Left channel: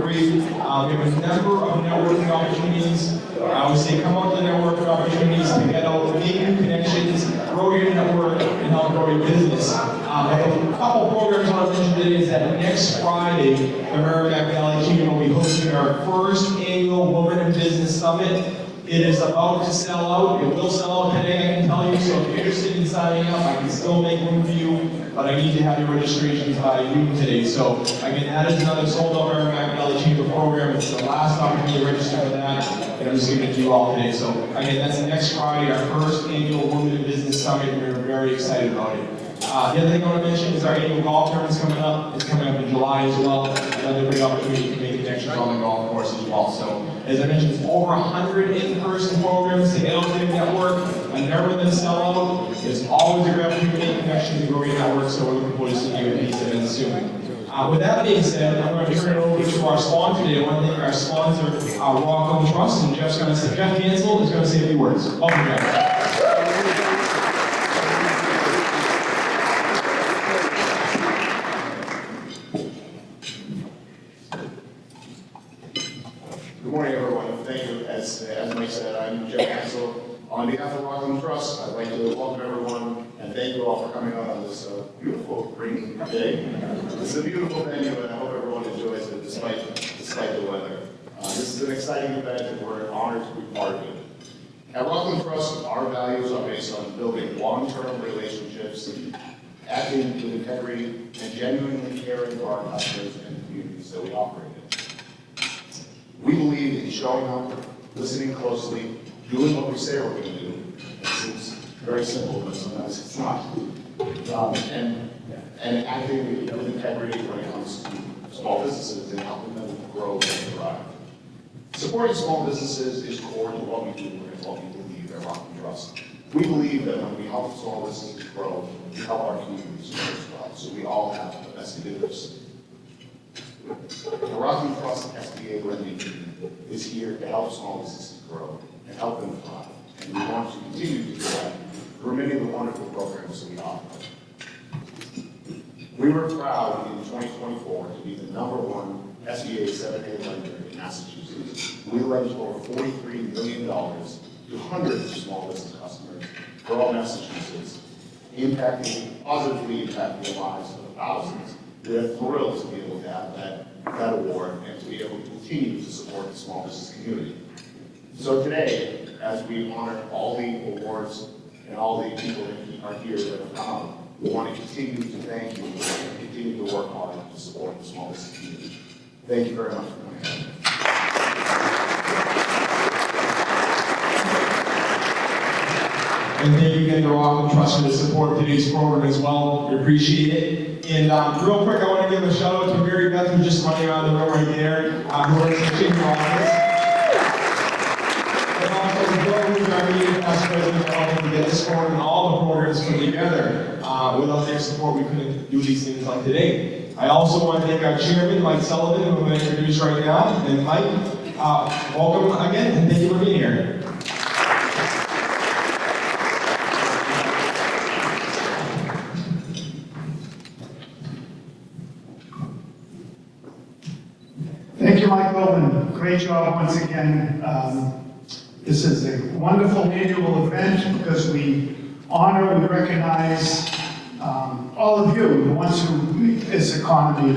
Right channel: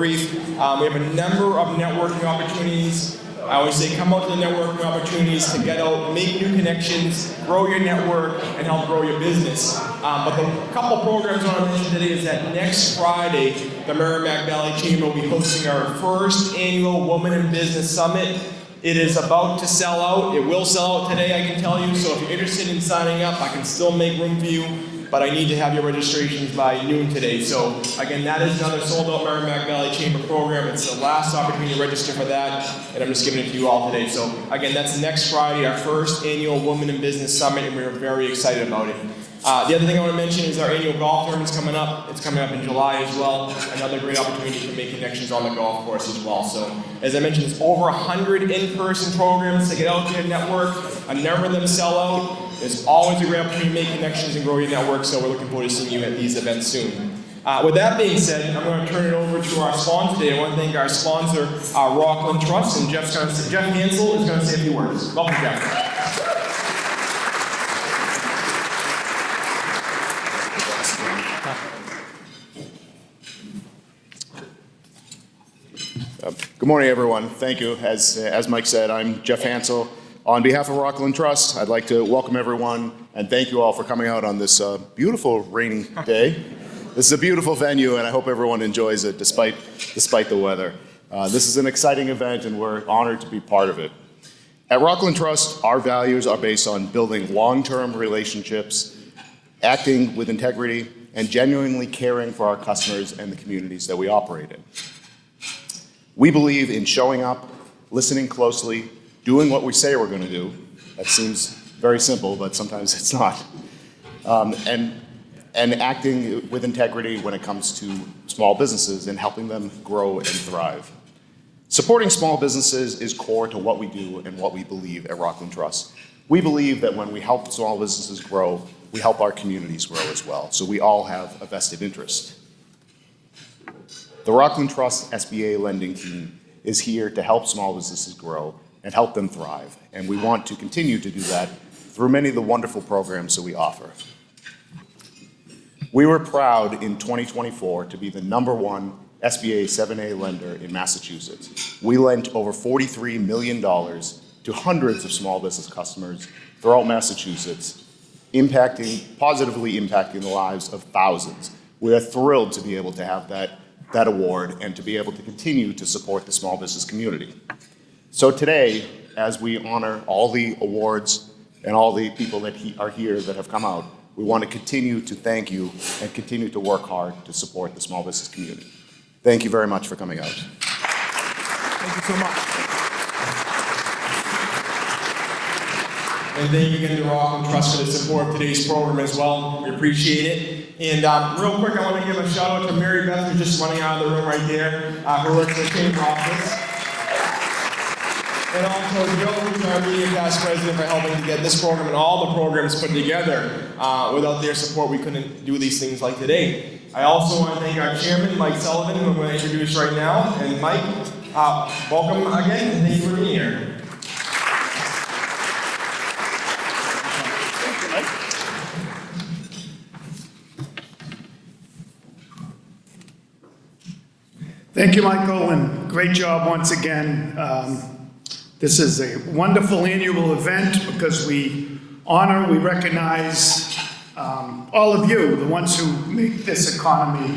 brief. We have a number of networking opportunities. I would say come up with the networking opportunities to get out, make new connections, grow your network, and help grow your business. But a couple programs I want to mention today is that next Friday, the Merrimack Valley Chamber will be hosting our first annual Women in Business Summit. It is about to sell out. It will sell out today, I can tell you. So if you're interested in signing up, I can still make room for you, but I need to have your registrations by noon today. So again, that is not a sold out Merrimack Valley Chamber program. It's the last opportunity to register for that, and I'm just giving it to you all today. So again, that's next Friday, our first annual Women in Business Summit, and we're very excited about it. The other thing I want to mention is our annual golf tournament is coming up. It's coming up in July as well. Another great opportunity to make connections on the golf course as well. So, as I mentioned, it's over 100 in-person programs to get out to your network. A number of them sell out. There's always a great opportunity to make connections and grow your network, so we're looking forward to seeing you at these events soon. With that being said, I'm going to turn it over to our sponsor today. I want to thank our sponsor, Rockland Trust, and Jeff Hansel is going to say a few words. Welcome, Jeff. Good morning, everyone. Thank you. As Mike said, I'm Jeff Hansel. On behalf of Rockland Trust, I'd like to welcome everyone and thank you all for coming out on this beautiful rainy day. This is a beautiful venue, and I hope everyone enjoys it despite the weather. This is an exciting event, and we're honored to be part of it. At Rockland Trust, our values are based on building long-term relationships, acting with integrity, and genuinely caring for our customers and the communities that we operate in. We believe in showing up, listening closely, doing what we say we're going to do. That seems very simple, but sometimes it's not. And acting with integrity when it comes to small businesses and helping them grow and thrive. Supporting small businesses is core to what we do and what we believe at Rockland Trust. We believe that when we help small businesses grow, we help our communities grow as well. So we all have a vested interest. The Rockland Trust SBA lending team is here to help small businesses grow and help them thrive. And we want to continue to do that through many of the wonderful programs that we offer. We were proud in 2024 to be the #1 SBA 7A lender in Massachusetts. We lent over $43 million to hundreds of small business customers throughout Massachusetts, positively impacting the lives of thousands. We are thrilled to be able to have that award and to be able to continue to support the small business community. So today, as we honor all the awards and all the people that are here that have come out, we want to continue to thank you and continue to work hard to support the small business community. Thank you very much for coming out. And thank you again to Rockland Trust for the support of today's program as well. We appreciate it. And real quick, I want to give a shout out to Mary Beth, who's just running out of the room right there. Who works in the chamber office. And also Bill, who's our meeting vice president, for helping get this program and all the programs put together. Without their support, we couldn't do these things like today. I also want to thank our chairman, Mike Sullivan, who I'm going to introduce right now. And Mike, welcome again, and thank you for being here. Thank you, Michael, and great job once again. This is a wonderful annual event because we honor, we recognize all of you, the ones who make this economy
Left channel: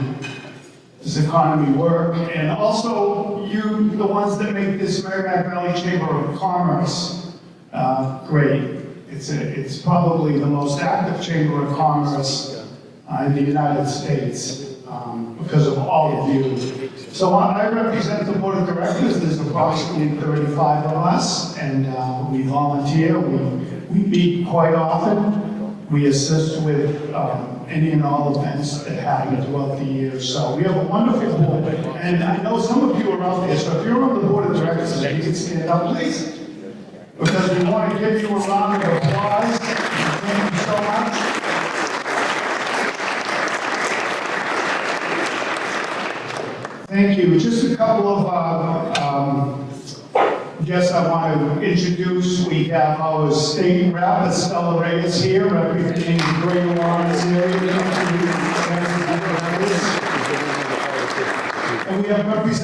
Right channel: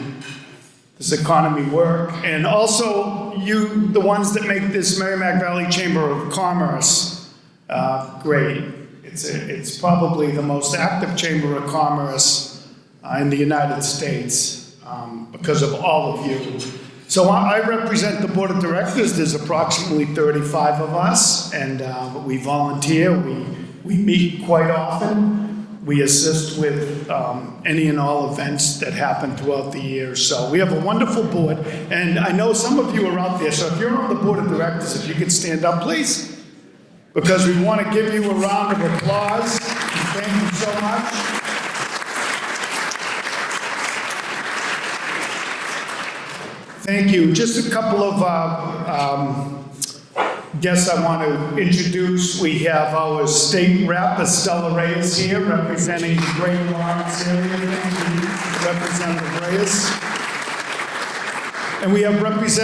work, and also you, the ones that make this Merrimack Valley Chamber of Commerce great. It's probably the most active chamber of commerce in the United States because of all of you. So I represent the board of directors. There's approximately 35 of us, and we volunteer. We meet quite often. We assist with any and all events that happen throughout the year. So we have a wonderful board, and I know some of you are out there. So if you're on the board of directors, and you can stand up, please, because we want to give you a round of applause. Thank you so much. Thank you. Just a couple of guests I want to introduce. We have our state rep, Estella Reyes, here, representing the Greater Lawrence area. And we have representatives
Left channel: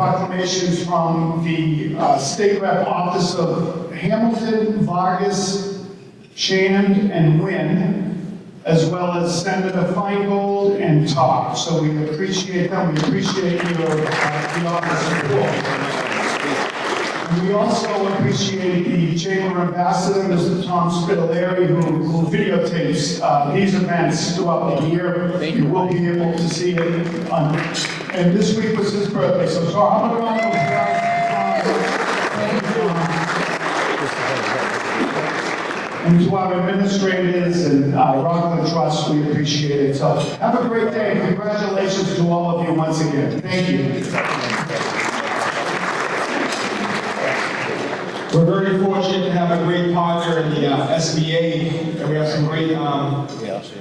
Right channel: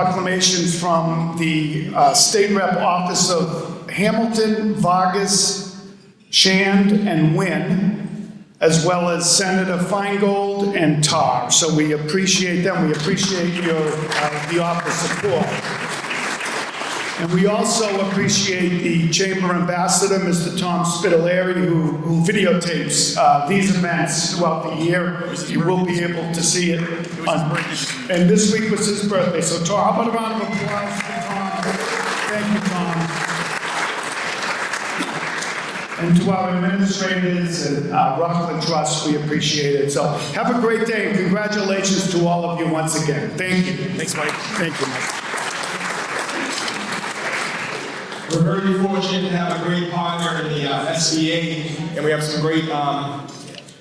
proclamations from the State Rep Office of Hamilton, Vargas, Shand, and Wynn, as well as Senator Feingold and Todd. So we appreciate them. We appreciate the office support. We also appreciate the Chamber Ambassador, Mr. Tom Spitaleri, who videotapes these events throughout the year. You will be able to see it. And this week was his birthday, so Tom, and to our administrators and Rockland Trust, we appreciate it. So have a great day, and congratulations to all of you once again. Thank you. Thank you. We're very fortunate to have a great partner in the SBA, and we have some great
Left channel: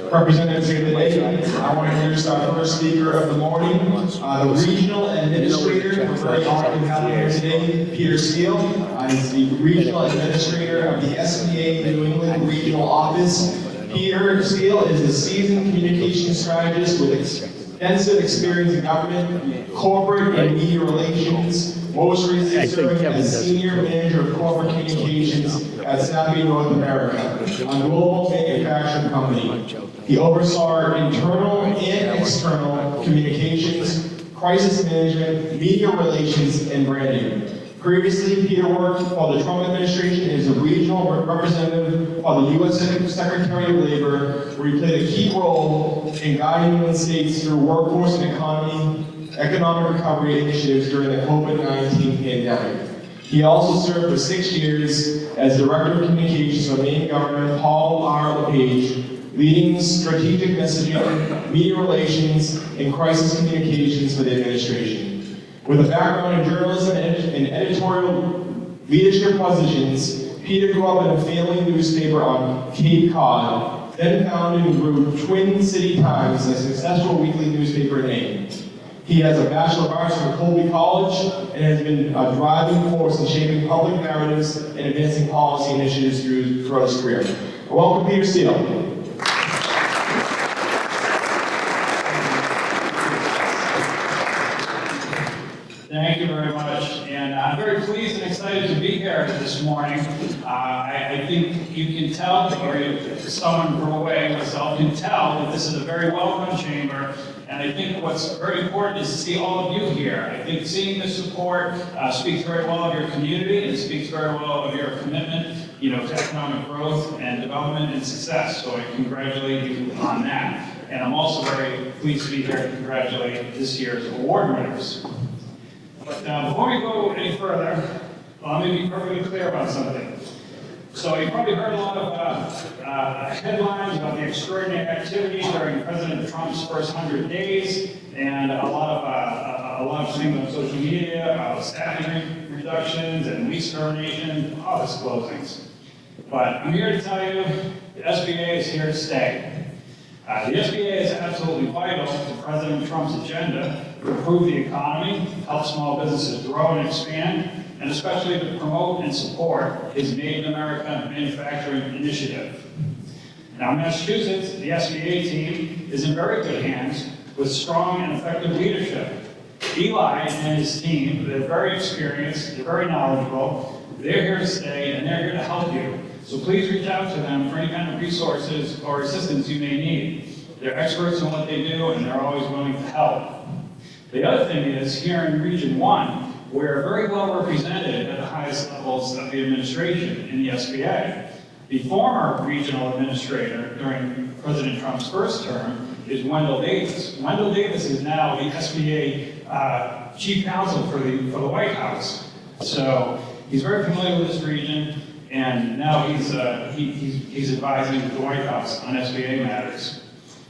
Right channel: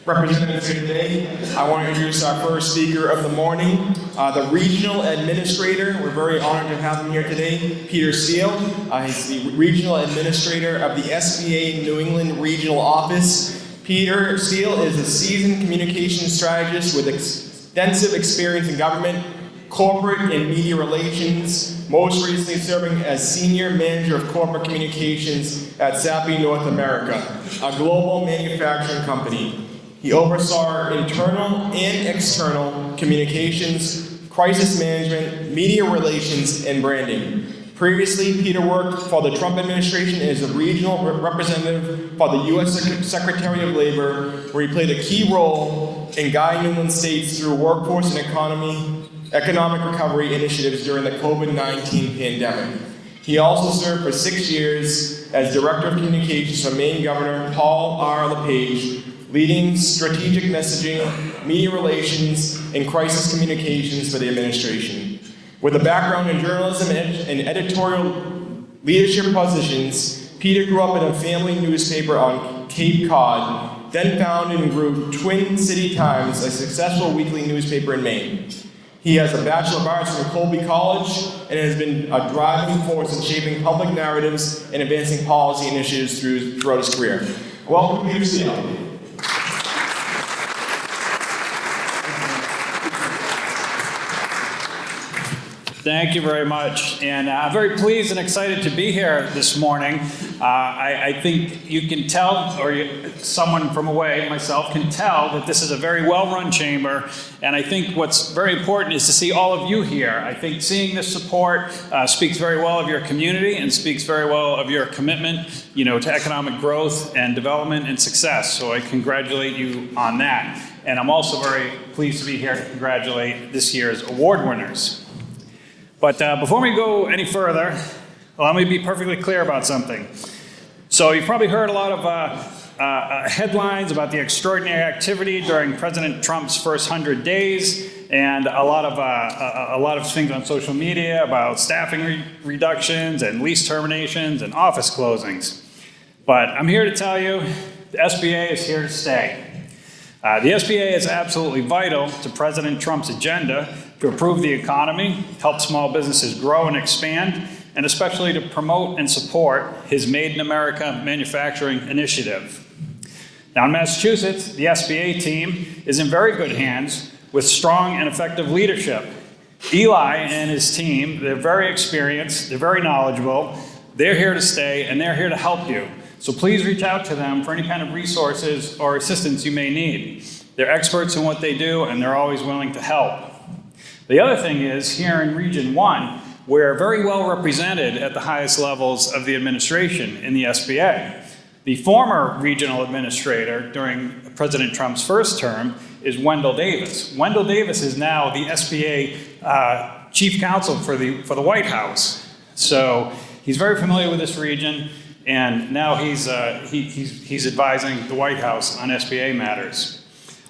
representatives here today. I want to introduce our first speaker of the morning, the regional administrator. We're very honored to have him here today, Peter Steele. He's the regional administrator of the SBA New England Regional Office. Peter Steele is a seasoned communications strategist with extensive experience in government, corporate, and media relations. Most recently serving as Senior Manager of Corporate Communications at Sappi North America, a global manufacturing company. He oversaw internal and external communications, crisis management, media relations, and branding. Previously, Peter worked for the Trump administration as a regional representative for the U.S. Secretary of Labor, where he played a key role in guiding the states through workforce and economic recovery initiatives during the COVID-19 pandemic. He also served for 6 years as Director of Communications for Maine Governor Paul R. LePage, leading strategic messaging, media relations, and crisis communications for the administration. With a background in journalism and editorial leadership positions, Peter grew up in a family newspaper on Cape Cod, then founded and grew Twin City Times, a successful weekly newspaper in Maine. He has a Bachelor of Arts from Colby College and has been a driving force in shaping public narratives and advancing policy initiatives throughout his career. Welcome, Peter Steele. Thank you very much, and I'm very pleased and excited to be here this morning. I think you can tell, or someone from away, myself, can tell that this is a very well-run chamber, and I think what's very important is to see all of you here. I think seeing this support speaks very well of your community and speaks very well of your commitment, to economic growth and development and success, so I congratulate you on that. And I'm also very pleased to be here to congratulate this year's award winners. But before we go any further, let me be perfectly clear about something. So you've probably heard a lot of headlines about the extraordinary activity during President Trump's first 100 days, and a lot of things on social media about staffing reductions and lease terminations and office closings. But I'm here to tell you, the SBA is here to stay. The SBA is absolutely vital to President Trump's agenda to improve the economy, help small businesses grow and expand, and especially to promote and support his Made in America manufacturing initiative. Now in Massachusetts, the SBA team is in very good hands with strong and effective leadership. Eli and his team, they're very experienced, they're very knowledgeable, they're here to stay, and they're here to help you. So please reach out to them for any kind of resources or assistance you may need. They're experts in what they do, and they're always willing to help. The other thing is, here in Region 1, we're very well represented at the highest levels of the administration in the SBA. The former regional administrator during President Trump's first term is Wendell Davis. Wendell Davis is now the SBA chief counsel for the White House. So he's very familiar with this region, and now he's advising the White House on SBA matters.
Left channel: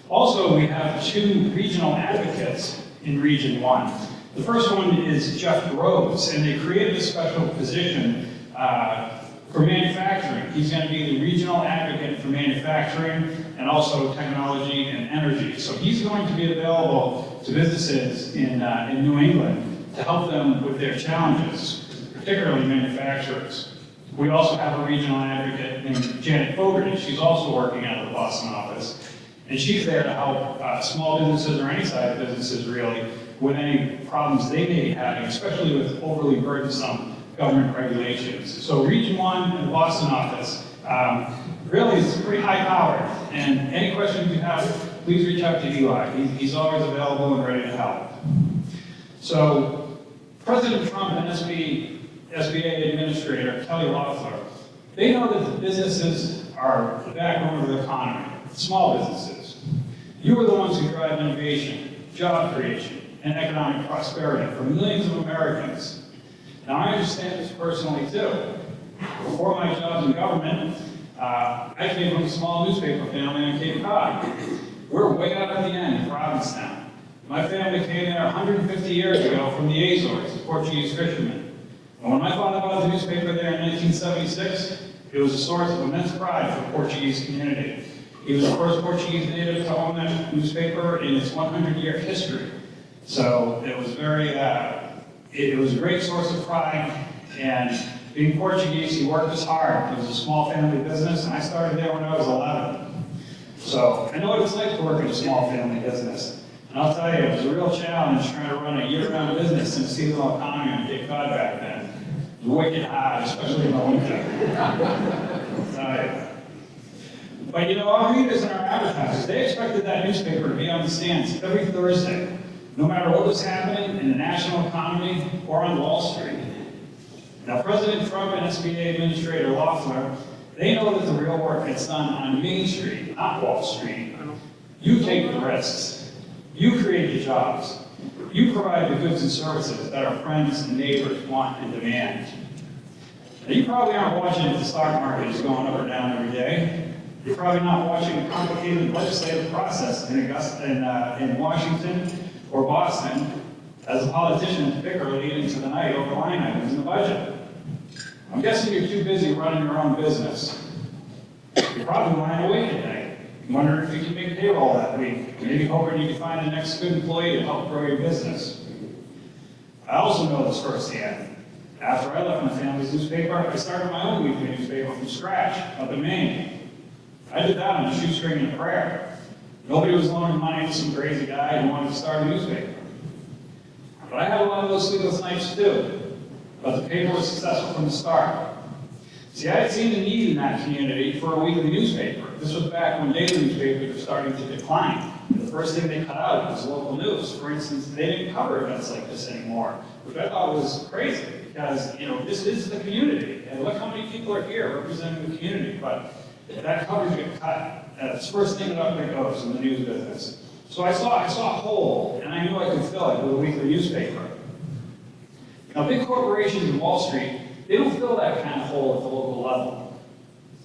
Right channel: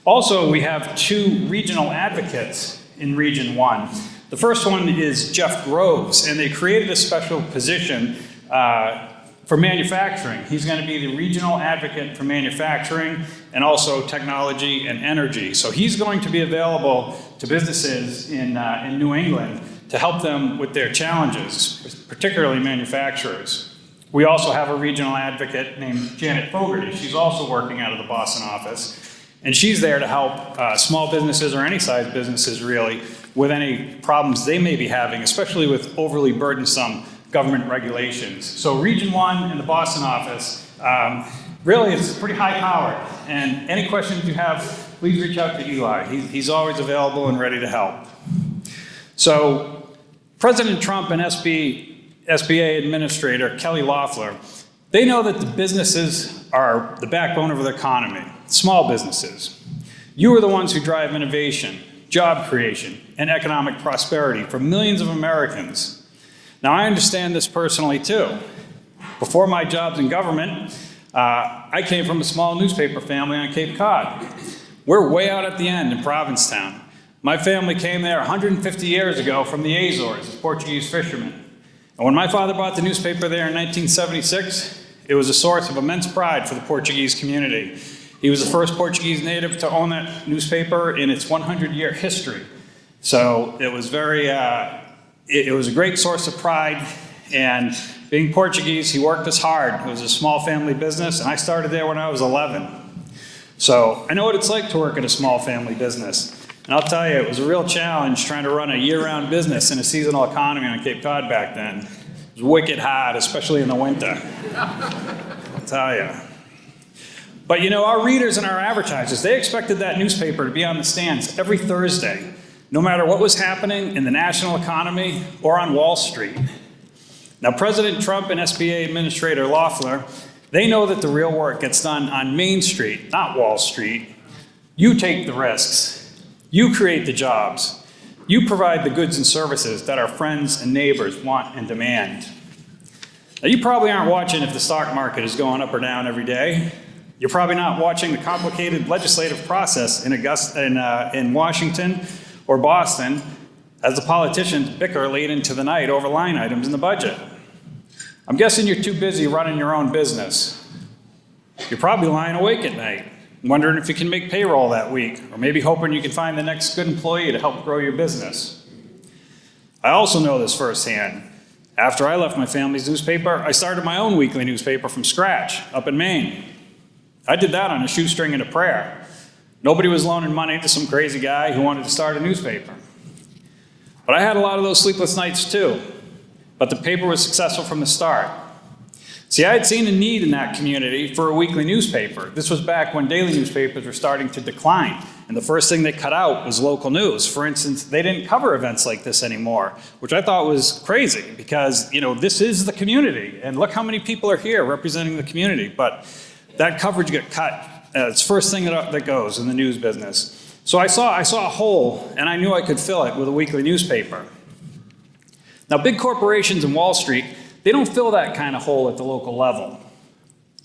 Also, we have 2 regional advocates in Region 1. The first one is Jeff Groves, and they created a special position for manufacturing. He's going to be the regional advocate for manufacturing and also technology and energy. So he's going to be available to businesses in New England to help them with their challenges, particularly manufacturers. We also have a regional advocate named Janet Fogarty. She's also working out of the Boston office. And she's there to help small businesses, or any size businesses really, with any problems they may be having, especially with overly burdensome government regulations. So Region 1 and the Boston office really is pretty high powered. And any questions you have, please reach out to Eli. He's always available and ready to help. So President Trump and SBA Administrator Kelly Loeffler, they know that the businesses are the backbone of the economy, small businesses. You are the ones who drive innovation, job creation, and economic prosperity for millions of Americans. Now, I understand this personally too. Before my jobs in government, I came from a small newspaper family on Cape Cod. We're way out at the end in Provincetown. My family came there 150 years ago from the Azores, Portuguese fishermen. And when my father bought the newspaper there in 1976, it was a source of immense pride for the Portuguese community. He was the first Portuguese native to own that newspaper in its 100-year history. So it was it was a great source of pride. And being Portuguese, he worked as hard. It was a small family business, and I started there when I was 11. So I know what it's like to work in a small family business. And I'll tell you, it was a real challenge trying to run a year-round business in a seasonal economy on Cape Cod back then. It was wicked hot, especially in the winter. I'll tell you. But you know, our readers and our advertisers, they expected that newspaper to be on the stands every Thursday, no matter what was happening in the national economy or on Wall Street. Now, President Trump and SBA Administrator Loeffler, they know that the real work gets done on Main Street, not Wall Street. You take the risks. You create the jobs. You provide the goods and services that our friends and neighbors want and demand. Now, you probably aren't watching if the stock market is going up or down every day. You're probably not watching the complicated legislative process in Washington or Boston as the politicians bicker late into the night over line items in the budget. I'm guessing you're too busy running your own business. You're probably lying awake at night, wondering if you can make payroll that week, or maybe hoping you can find the next good employee to help grow your business. I also know this firsthand. After I left my family's newspaper, I started my own weekly newspaper from scratch up in Maine. I did that on a shoestring and a prayer. Nobody was loaning money to some crazy guy who wanted to start a newspaper. But I had a lot of those sleepless nights too. But the paper was successful from the start. See, I had seen a need in that community for a weekly newspaper. This was back when daily newspapers were starting to decline. And the first thing they cut out was local news. For instance, they didn't cover events like this anymore, which I thought was crazy because, you know, this is the community. And look how many people are here representing the community. But that coverage got cut. It's the first thing that goes in the news business. So I saw a hole, and I knew I could fill it with a weekly newspaper. Now, big corporations in Wall Street, they don't fill that kind of hole at the local level.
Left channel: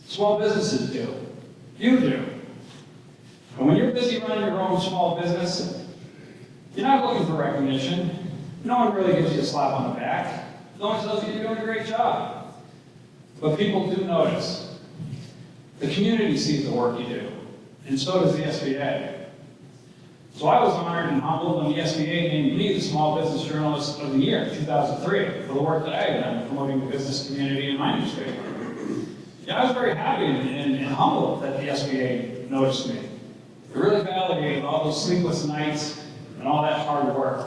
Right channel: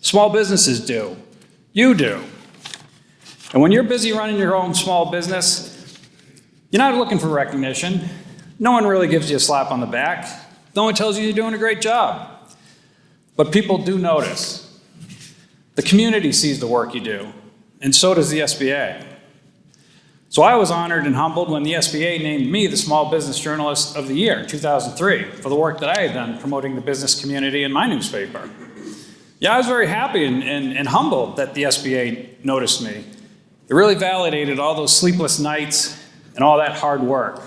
Small businesses do. You do. And when you're busy running your own small business, you're not looking for recognition. No one really gives you a slap on the back. No one tells you you're doing a great job. But people do notice. The community sees the work you do, and so does the SBA. So I was honored and humbled when the SBA named me the Small Business Journalist of the Year, 2003, for the work that I had done promoting the business community in my newspaper. Yeah, I was very happy and humbled that the SBA noticed me. It really validated all those sleepless nights and all that hard work.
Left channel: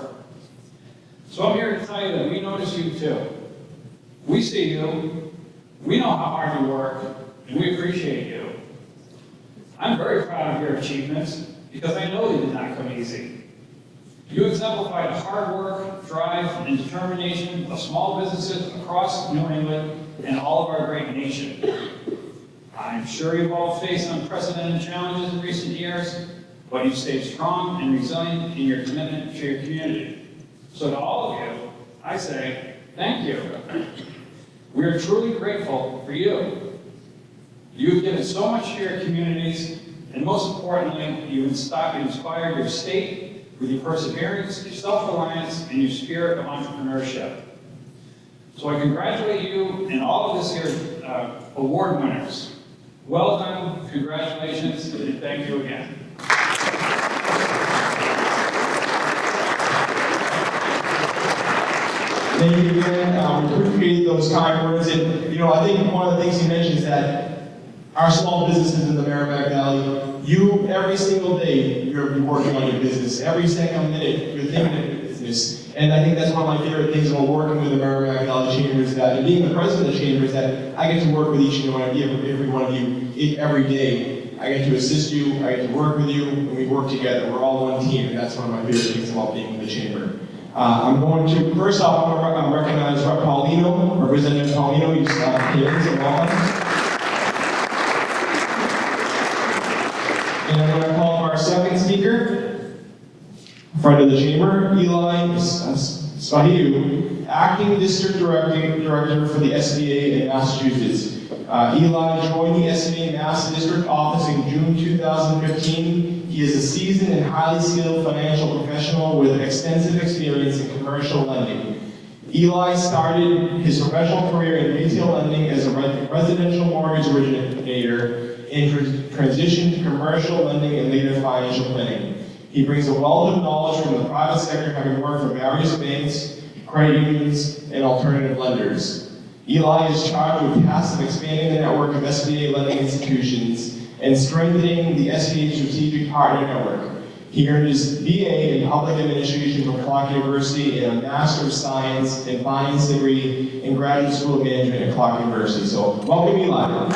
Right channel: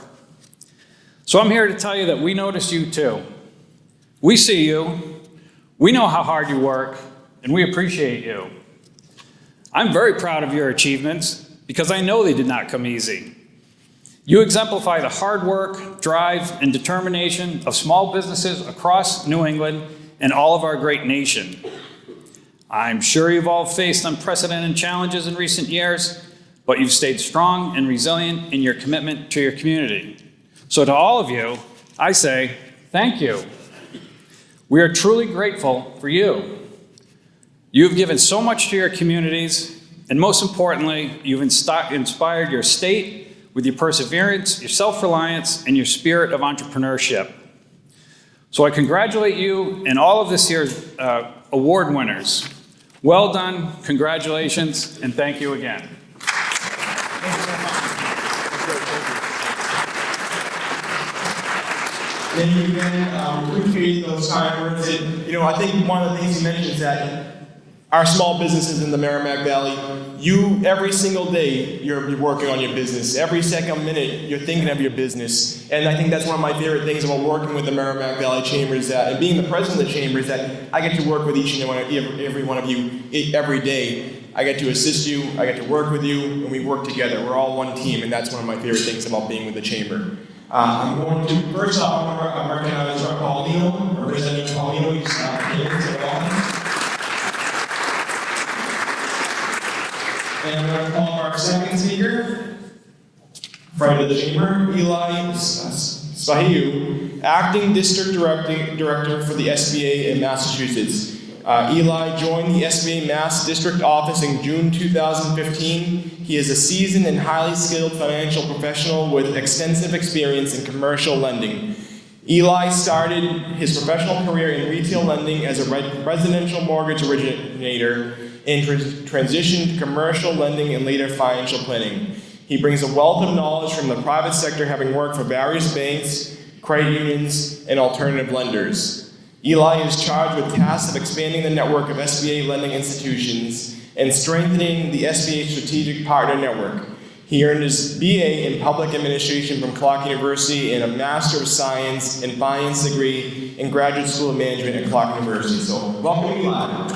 So I'm here to tell you that we notice you too. We see you, we know how hard you work, and we appreciate you. I'm very proud of your achievements, because I know they did not come easy. You exemplify the hard work, drive, and determination of small businesses across New England and all of our great nation. I'm sure you've all faced unprecedented challenges in recent years, but you've stayed strong and resilient in your commitment to your community. So to all of you, I say, thank you. We are truly grateful for you. You've given so much to your communities, and most importantly, you've inspired your state with your perseverance, your self-reliance, and your spirit of entrepreneurship. So I congratulate you and all of this year's award winners. Well done, congratulations, and thank you again. Thank you again. We appreciate those kind words. And, I think one of the things you mentioned is that our small businesses in the Merrimack Valley, you, every single day, you're working on your business. Every second minute, you're thinking of your business. And I think that's one of my favorite things about working with the Merrimack Valley Chamber is that, and being the president of the chamber, is that I get to work with each and every one of you every day. I get to assist you, I get to work with you, and we work together. We're all one team, and that's one of my favorite things about being with the chamber. I'm going to, first off, I want to recognize Paulino, Representative Paulino, you please welcome. And I'm going to call our second speaker, friend of the chamber, Eli Spahiu, Acting District Director for the SBA in Massachusetts. Eli joined the SBA Mass District Office in June 2015. He is a seasoned and highly skilled financial professional with extensive experience in commercial lending. Eli started his professional career in retail lending as a residential mortgage originator and transitioned to commercial lending and later financial planning. He brings a wealth of knowledge from the private sector, having worked for various banks, credit unions, and alternative lenders. Eli is charged with tasks of expanding the network of SBA lending institutions and strengthening the SBA strategic partner network. He earned his BA in Public Administration from Clark University and a Master of Science in Finance degree in Graduate School of Management at Clark University. So, welcome, Eli.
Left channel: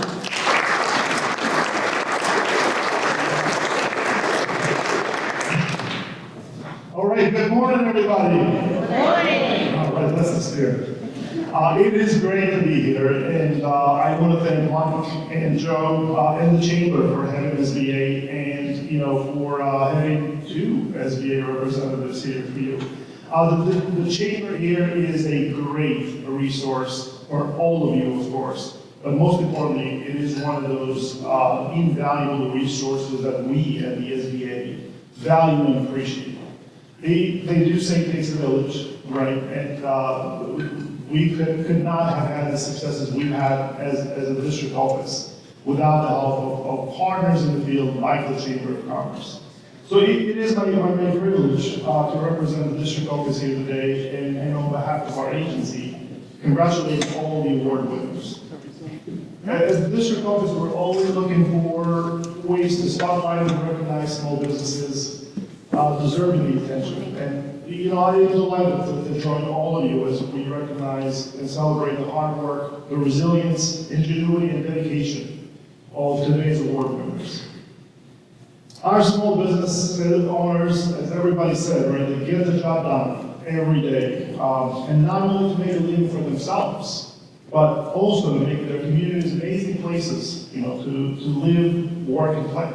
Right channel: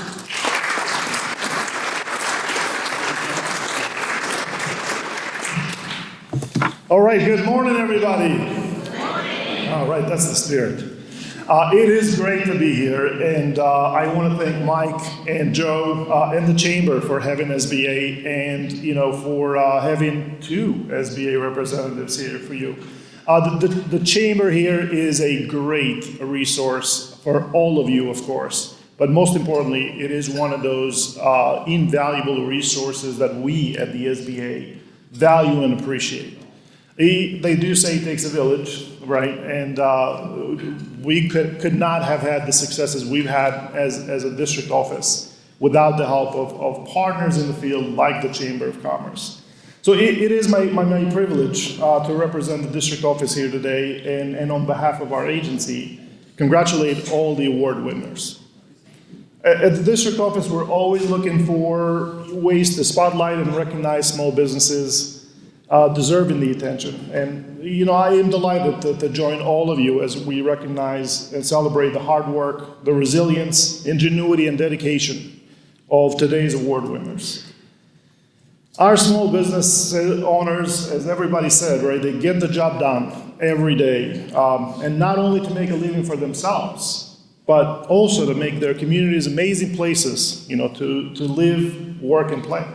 All right, good morning, everybody. Good morning. All right, that's the spirit. It is great to be here, and I want to thank Mike and Joe and the Chamber for having SBA, and for having two SBA representatives here for you. The Chamber here is a great resource for all of you, of course, but most importantly, it is one of those invaluable resources that we at the SBA value and appreciate. They do say it takes a village, right? And we could not have had the successes we've had as a district office without the help of partners in the field like the Chamber of Commerce. So it is my privilege to represent the district office here today, and on behalf of our agency, congratulate all the award winners. At the district office, we're always looking for ways to spotlight and recognize small businesses deserving the attention. And I am delighted to join all of you as we recognize and celebrate the hard work, the resilience, ingenuity, and dedication of today's award winners. Our small business owners, as everybody said, right, they get the job done every day, and not only to make a living for themselves, but also to make their communities amazing places, to live, work, and play.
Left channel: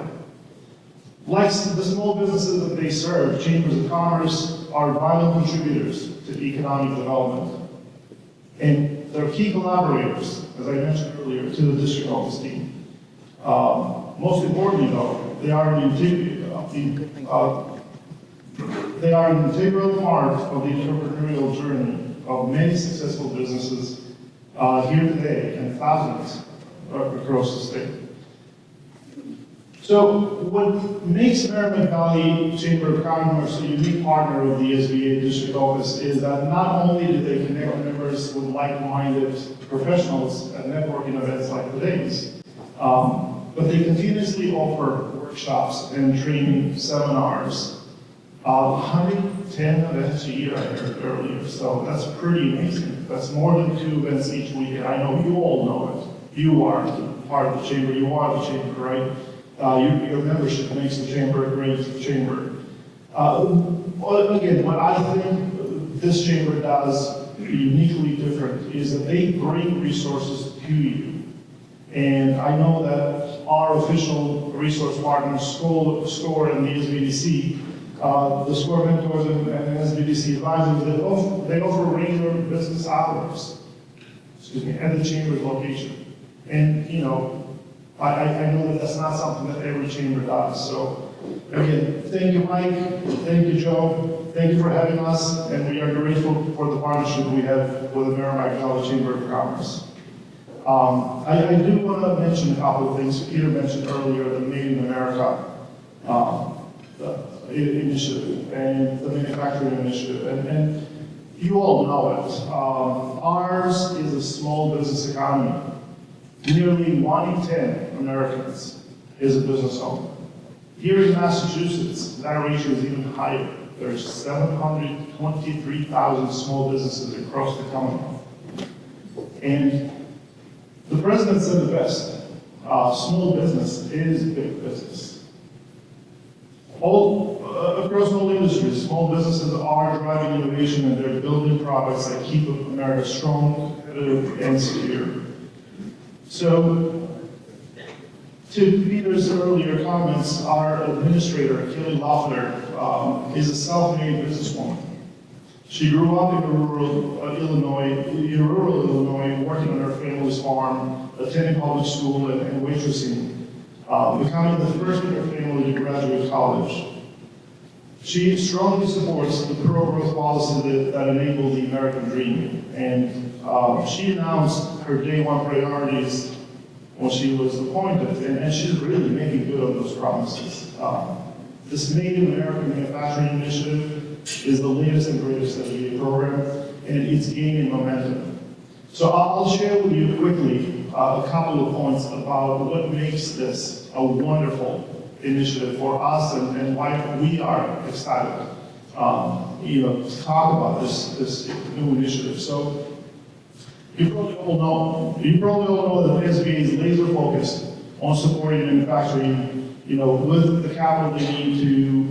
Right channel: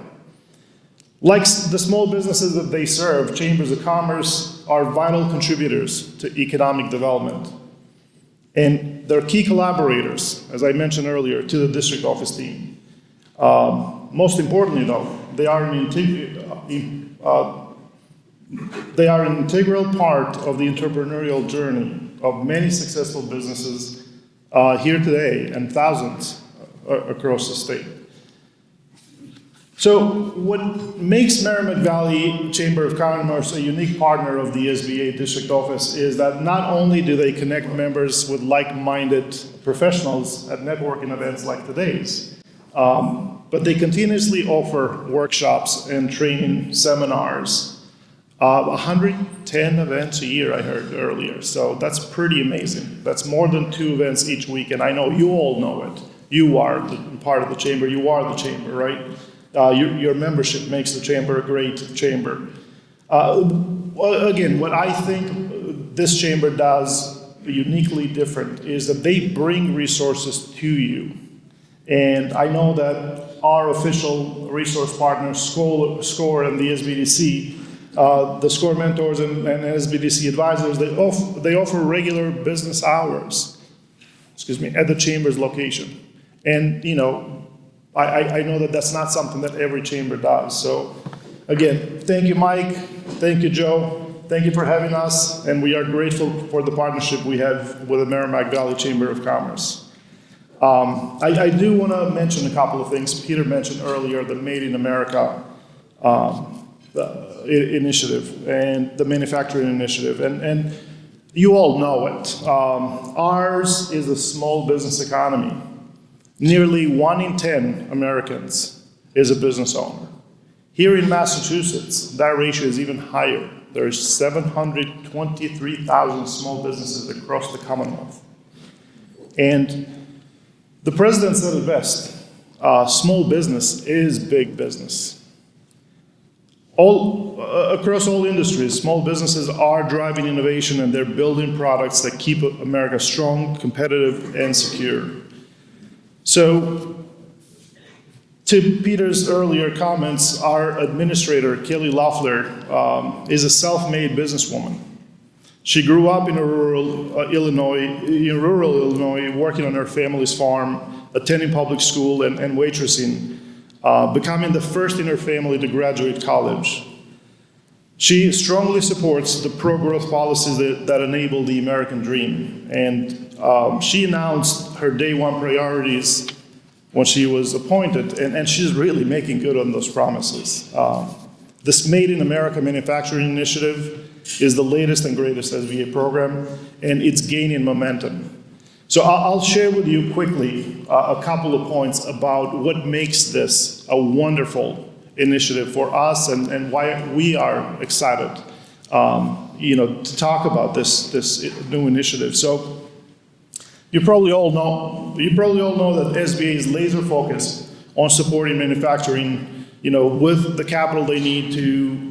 Like the small businesses that they serve, Chambers of Commerce are vital contributors to economic development. And they're key collaborators, as I mentioned earlier, to the district office team. Most importantly, though, they are an integral part of the entrepreneurial journey of many successful businesses here today and thousands across the state. So what makes Merrimack Valley Chamber of Commerce a unique partner of the SBA District Office is that not only do they connect members with like-minded professionals at networking events like today's, but they continuously offer workshops and training seminars. 110 events a year, I heard earlier, so that's pretty amazing. That's more than 2 events each week, and I know you all know it. You are part of the chamber, you are the chamber, right? Your membership makes the chamber a great chamber. Well, again, what I think this chamber does uniquely different is that they bring resources to you. And I know that our official resource partners, SCORE and the SBDC, the SCORE mentors and SBDC advisors, they offer regular business hours, at the chamber's location. And, I know that that's not something that every chamber does. So, again, thank you, Mike. Thank you, Joe. Thank you for having us. And we are grateful for the partnership we have with the Merrimack Valley Chamber of Commerce. I do want to mention a couple of things. Peter mentioned earlier the Made in America initiative and the manufacturing initiative. And you all know it. Ours is a small business economy. Nearly 1 in 10 Americans is a business owner. Here in Massachusetts, that ratio is even higher. There's 723,000 small businesses across the Commonwealth. And the president said it best, small business is big business. Across all industries, small businesses are driving innovation and they're building products that keep America strong, competitive, and secure. So, to Peter's earlier comments, our administrator, Kelly Loeffler, is a self-made businesswoman. She grew up in rural Illinois, working on her family's farm, attending public school and waitressing, becoming the first in her family to graduate college. She strongly supports the pro-growth policies that enable the American dream. And she announced her day one priorities when she was appointed, and she's really making good on those promises. This Made in America Manufacturing Initiative is the latest and greatest SBA program, and it's gaining momentum. So I'll share with you quickly a couple of points about what makes this a wonderful initiative for us and why we are excited, to talk about this new initiative. So you probably all know that SBA is laser focused on supporting manufacturing, with the capital they need to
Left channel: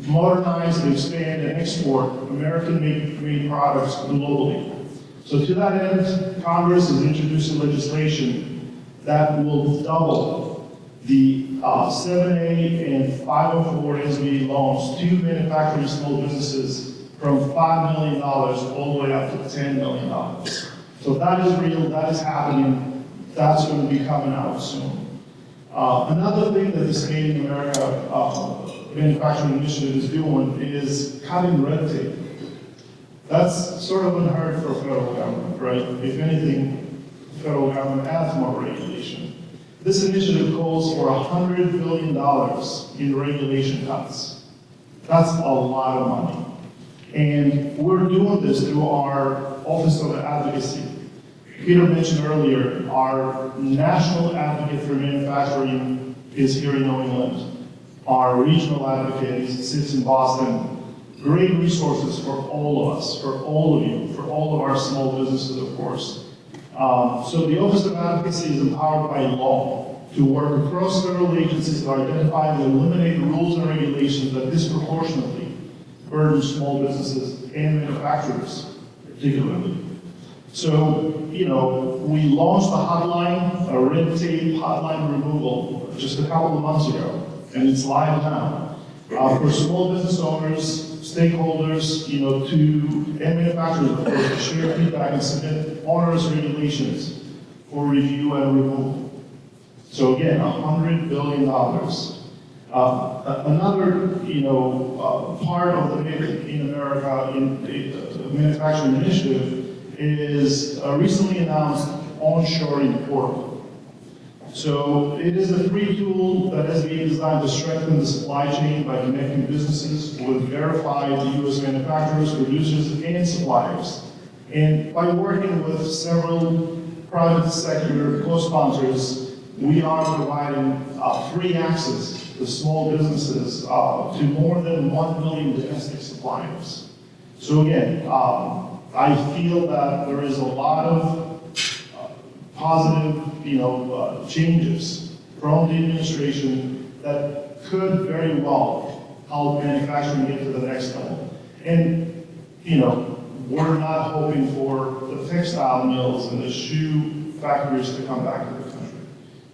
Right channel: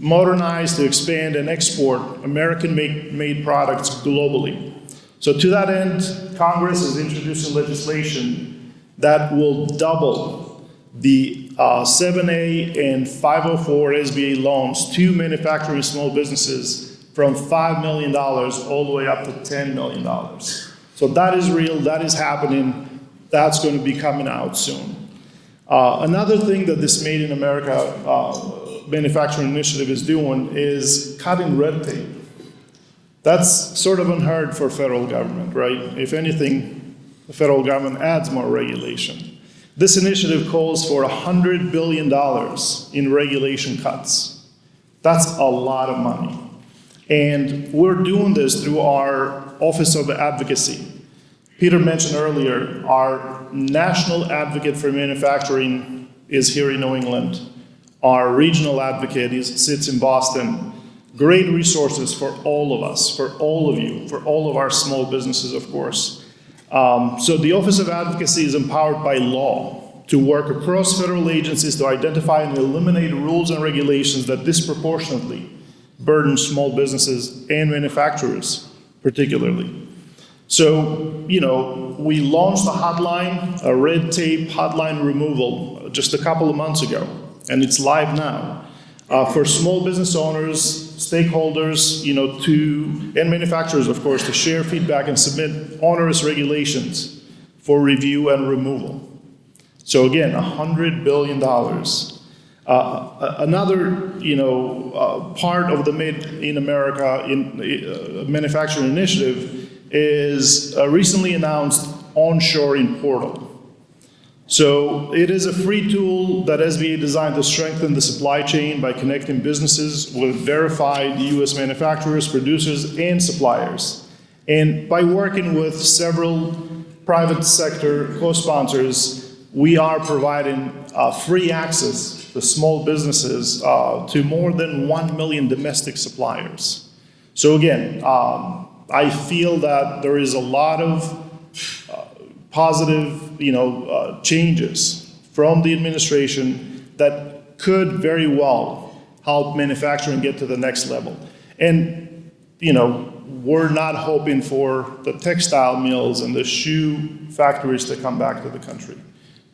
modernize, to expand and export American-made products globally. So to that end, Congress is introducing legislation that will double the 7A and 504 SBA loans to manufacturing small businesses from $5 million all the way up to $10 million. So that is real, that is happening, that's going to be coming out soon. Another thing that this Made in America Manufacturing Initiative is doing is cutting red tape. That's sort of unheard for federal government, right? If anything, the federal government adds more regulation. This initiative calls for $100 billion in regulation cuts. That's a lot of money. And we're doing this through our Office of Advocacy. Peter mentioned earlier, our National Advocate for Manufacturing is here in New England. Our regional advocate sits in Boston. Great resources for all of us, for all of you, for all of our small businesses, of course. So the Office of Advocacy is empowered by law to work across federal agencies to identify and eliminate rules and regulations that disproportionately burden small businesses and manufacturers, particularly. So, we launched a hotline, a red tape hotline removal, just a couple of months ago, and it's live now. For small business owners, stakeholders, and manufacturers, of course, to share feedback and submit onerous regulations for review and removal. So again, $100 billion. Another, part of the Made in America Manufacturing Initiative is a recently announced onshoring portal. So it is a free tool that SBA designed to strengthen the supply chain by connecting businesses with verified U.S. manufacturers, producers, and suppliers. And by working with several private sector co-sponsors, we are providing free access to small businesses to more than 1 million domestic suppliers. So again, I feel that there is a lot of positive, changes from the administration that could very well help manufacturing get to the next level. And, we're not hoping for the textile mills and the shoe factories to come back to the country.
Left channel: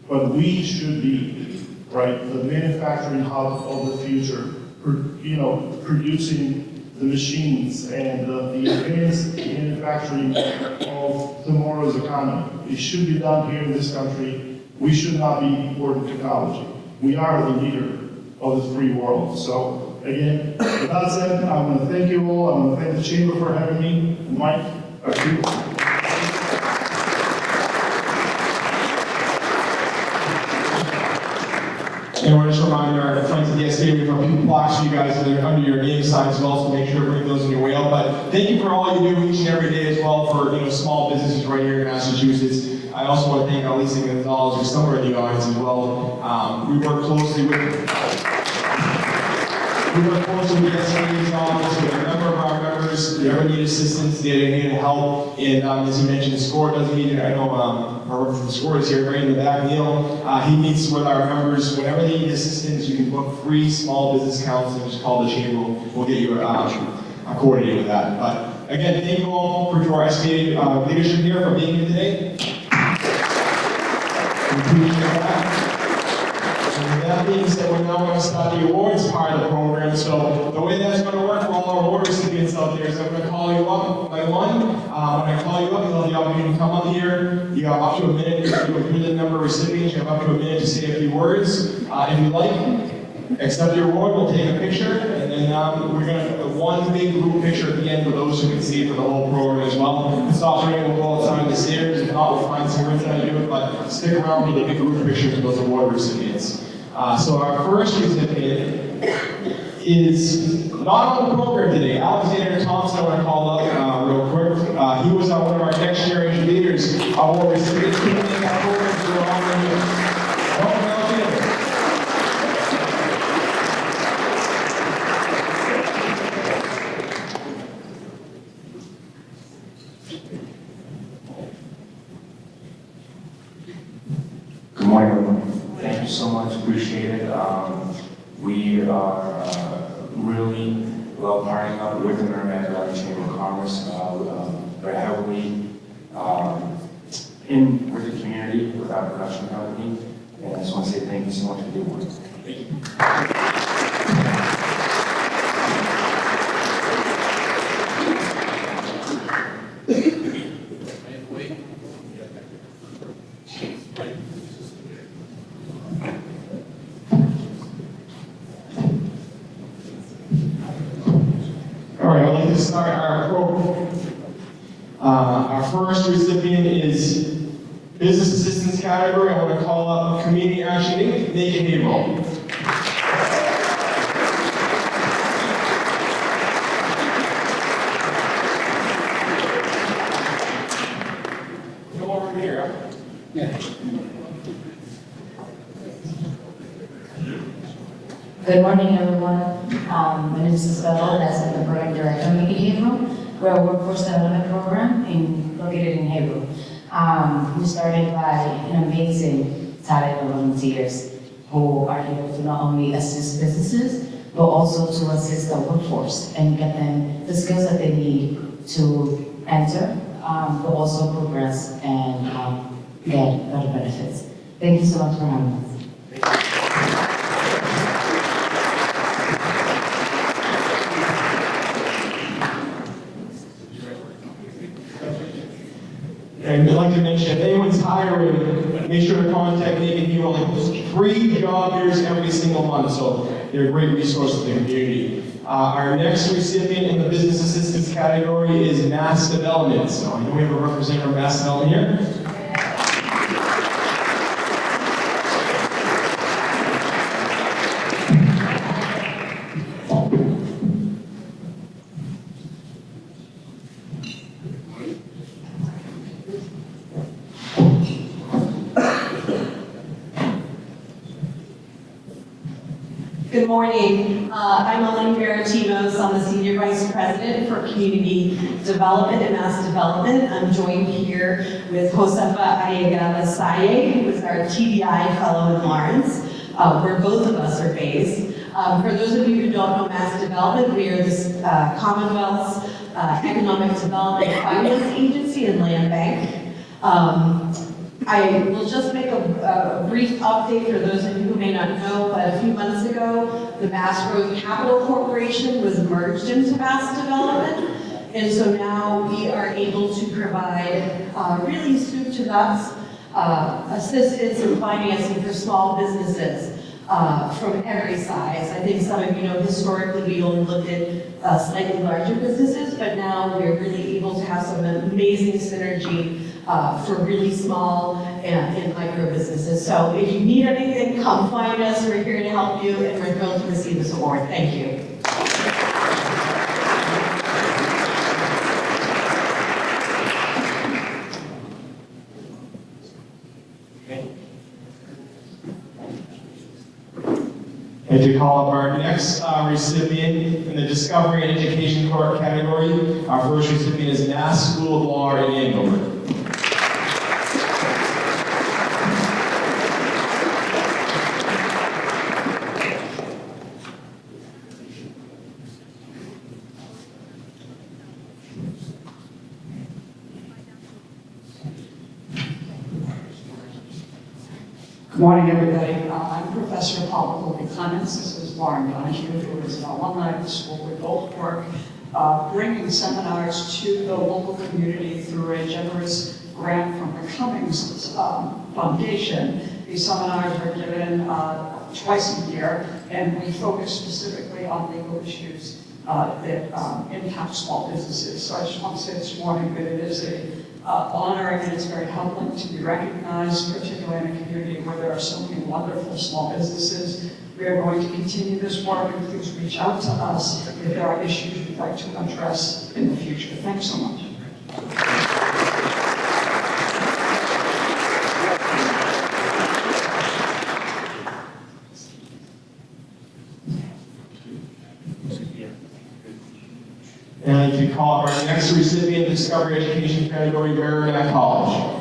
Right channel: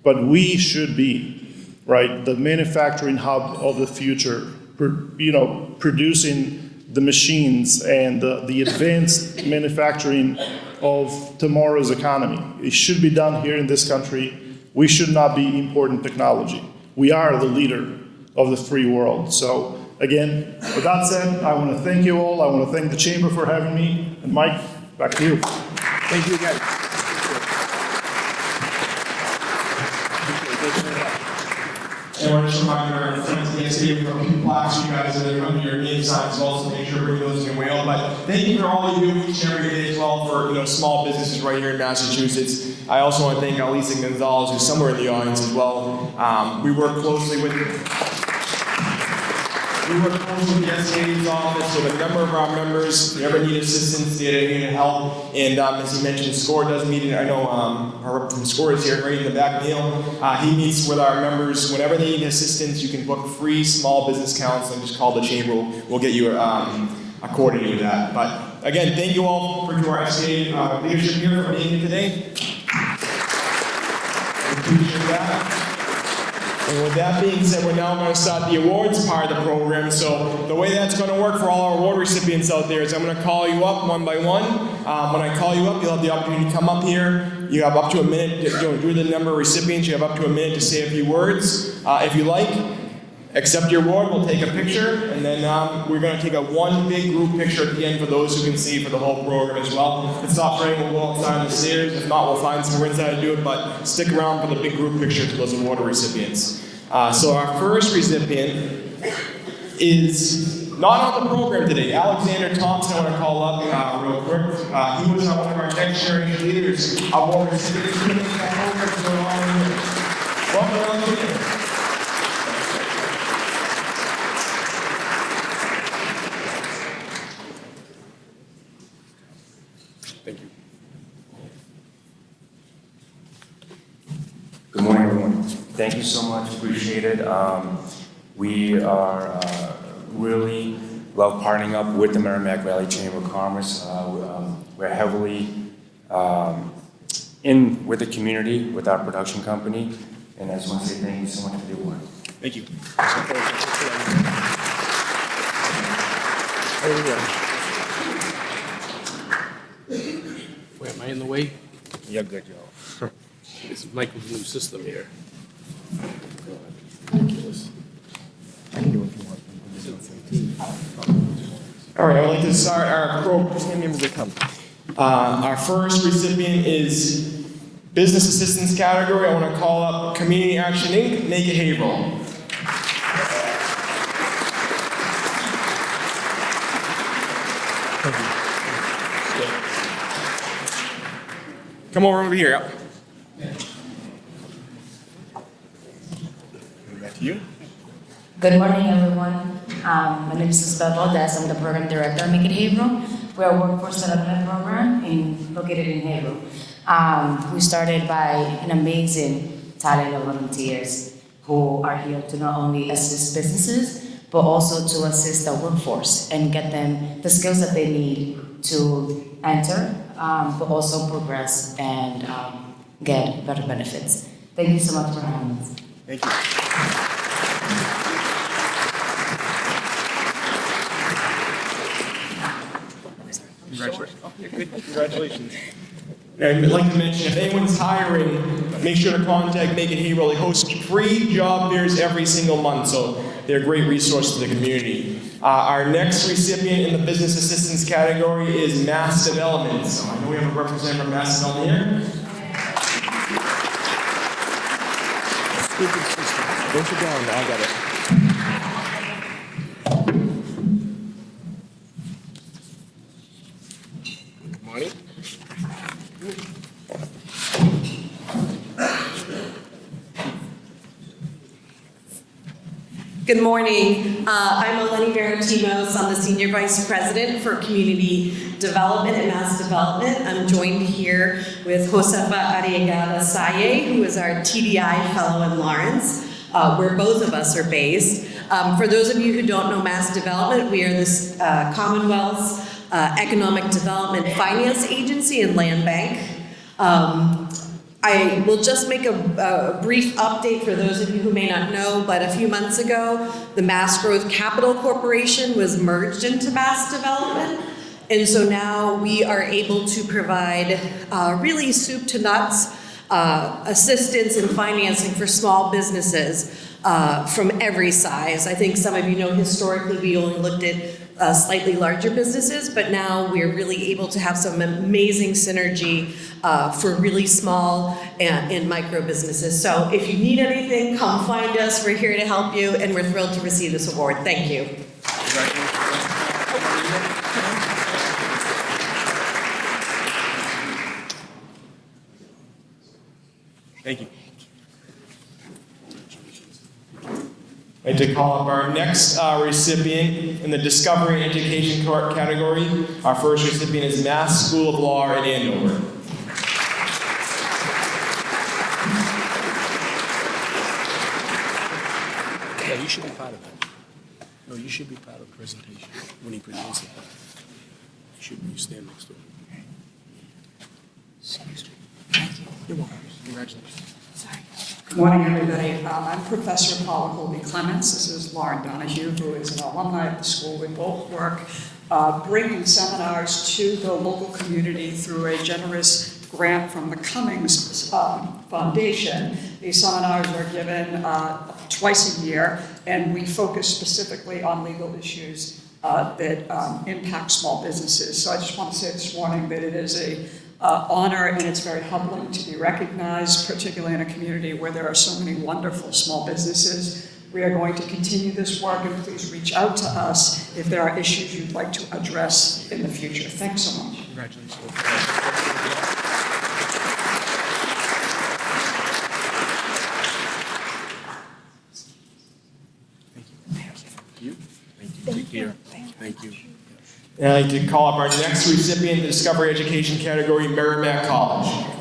But we should be, right, the manufacturing hub of the future, producing the machines and the advanced manufacturing of tomorrow's economy. It should be done here in this country. We should not be importing technology. We are the leader of the free world. So again, with that said, I want to thank you all. I want to thank the Chamber for having me. And Mike, back to you. Thank you, guys. And I just remind our friends at the SBA, we have a few plaques for you guys that are under your name signs as well, so make sure everybody knows who we are. But thank you for all you do each and every day as well for small businesses right here in Massachusetts. I also want to thank Alisa Gonzalez, who's somewhere in the audience as well. We work closely with We work closely with the SCA's office with a number of our members, if you ever need assistance, need help. And as you mentioned, SCORE does meeting. I know our from SCORE is here right in the back, Neil. He meets with our members. Whenever they need assistance, you can book free small business counseling. Just call the chamber. We'll get you accordingly to that. But again, thank you all for our SCA leadership here for being here today. And with that being said, we're now going to start the awards part of the program. So the way that's going to work for all our award recipients out there is I'm going to call you up one by one. When I call you up, you'll have the opportunity to come up here. You have up to a minute to do the number of recipients. You have up to a minute to say a few words. If you like, accept your award. We'll take a picture, and then we're going to take a one big group picture at the end for those who can see for the whole program as well. It's off right on the wall outside the stairs. If not, we'll find somewhere inside to do it, but stick around for the big group picture for those award recipients. So our first recipient is not on the program today. Alexander Thompson, I'm going to call up real quick. He was one of our next generation leaders. Award recipient. Welcome, Alexander. Good morning. Thank you so much. Appreciate it. We are really love partnering up with the Merrimack Valley Chamber of Commerce. We're heavily in with the community, with our production company, and I just want to say thank you so much for your work. Thank you. Am I in the way? Yeah, thank you. It's like a new system here. All right, I'd like to start our program. Our first recipient is Business Assistance category. I want to call up Community Action Inc. Naked April. Come over here. Good morning, everyone. My name is Isabel Valdez. I'm the program director of Naked Hebrew. We're a workforce development program located in Hebrew. We started by an amazing talent of volunteers who are here to not only assist businesses, but also to assist the workforce and get them the skills that they need to enter, but also progress and get better benefits. Thank you so much for having us. Thank you. Congratulations. And we'd like to mention, if anyone's hiring, make sure to contact Naked Hero. They host free job fairs every single month, so they're a great resource for the community. Our next recipient in the business assistance category is Mass Development. So we have a representative of Mass Development here. Good morning. I'm Melanie Baratinos. I'm the Senior Vice President for Community Development and Mass Development. I'm joined here with Josefa Arriaga Saye, who is our TDI Fellow in Lawrence, where both of us are based. For those of you who don't know Mass Development, we are this Commonwealth's Economic Development Finance Agency and Land Bank. I will just make a brief update for those of you who may not know, but a few months ago, the Mass Growth Capital Corporation was merged into Mass Development. And so now we are able to provide really soup to nuts assistance and financing for small businesses from every size. I think some of you know historically we only looked at slightly larger businesses, but now we're really able to have some amazing synergy for really small and micro businesses. So if you need anything, come find us. We're here to help you, and we're thrilled to receive this award. Thank you. Thank you. And to call up our next recipient in the Discovery Education category. Our first recipient is Math School of Law in Andover. You should be part of it. No, you should be part of the presentation when he presents it. You should stand next to him. Excuse me. You're welcome. Congratulations. Good morning, everybody. I'm Professor Paul Clements. This is Lauren Donahue, who is an alumni of the school. We both work bringing seminars to the local community through a generous grant from the Cummings Foundation. These seminars are given twice a year, and we focus specifically on legal issues that impact small businesses. So I just want to say this morning that it is a honor, and it's very humbling to be recognized, particularly in a community where there are so many wonderful small businesses. We are going to continue this work, and please reach out to us if there are issues you'd like to address in the future. Thanks so much. Here. Thank you. And I'd like to call up our next recipient in the Discovery Education category, Merrimack College.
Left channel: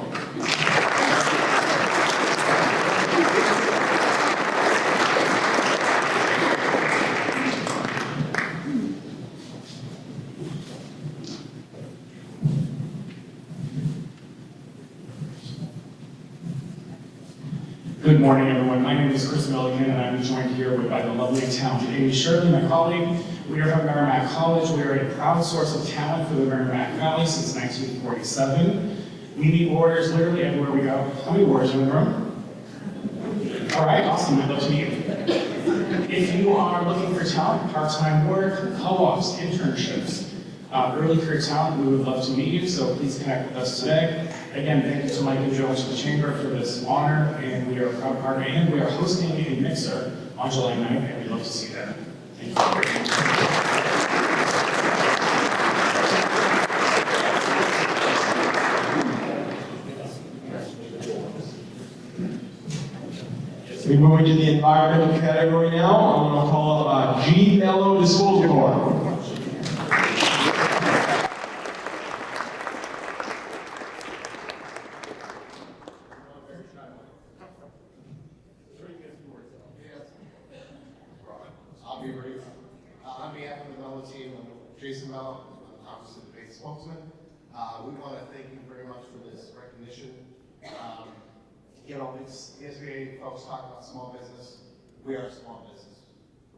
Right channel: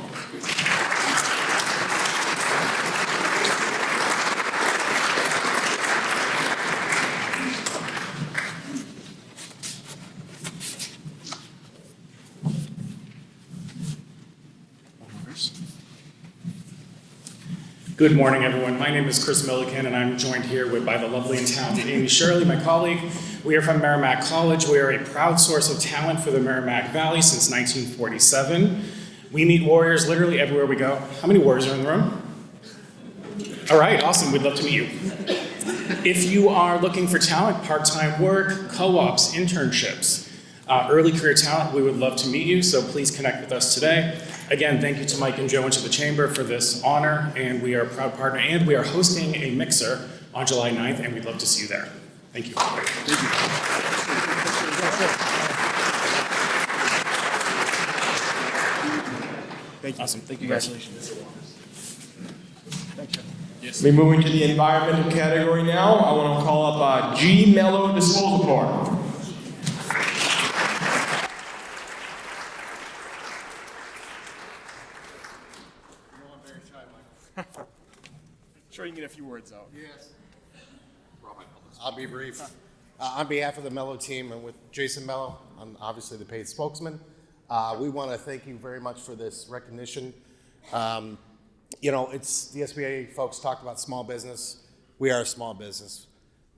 Good morning, everyone. My name is Chris Milliken, and I'm joined here by the lovely and talented Amy Shirley, my colleague. We are from Merrimack College. We are a proud source of talent for the Merrimack Valley since 1947. We meet warriors literally everywhere we go. How many warriors are in the room? All right, awesome. We'd love to meet you. If you are looking for talent, part-time work, co-ops, internships, early career talent, we would love to meet you, so please connect with us today. Again, thank you to Mike and Joe and to the Chamber for this honor, and we are a proud partner, and we are hosting a mixer on July 9th, and we'd love to see you there. Thank you. Awesome. Thank you, guys. We're moving to the environmental category now. I want to call up G. Mello Disposal. Sure, you can get a few words out. Yes. I'll be brief. On behalf of the Mello team and with Jason Mello, I'm obviously the paid spokesman, we want to thank you very much for this recognition. You know, it's the SBA folks talk about small business. We are a small business.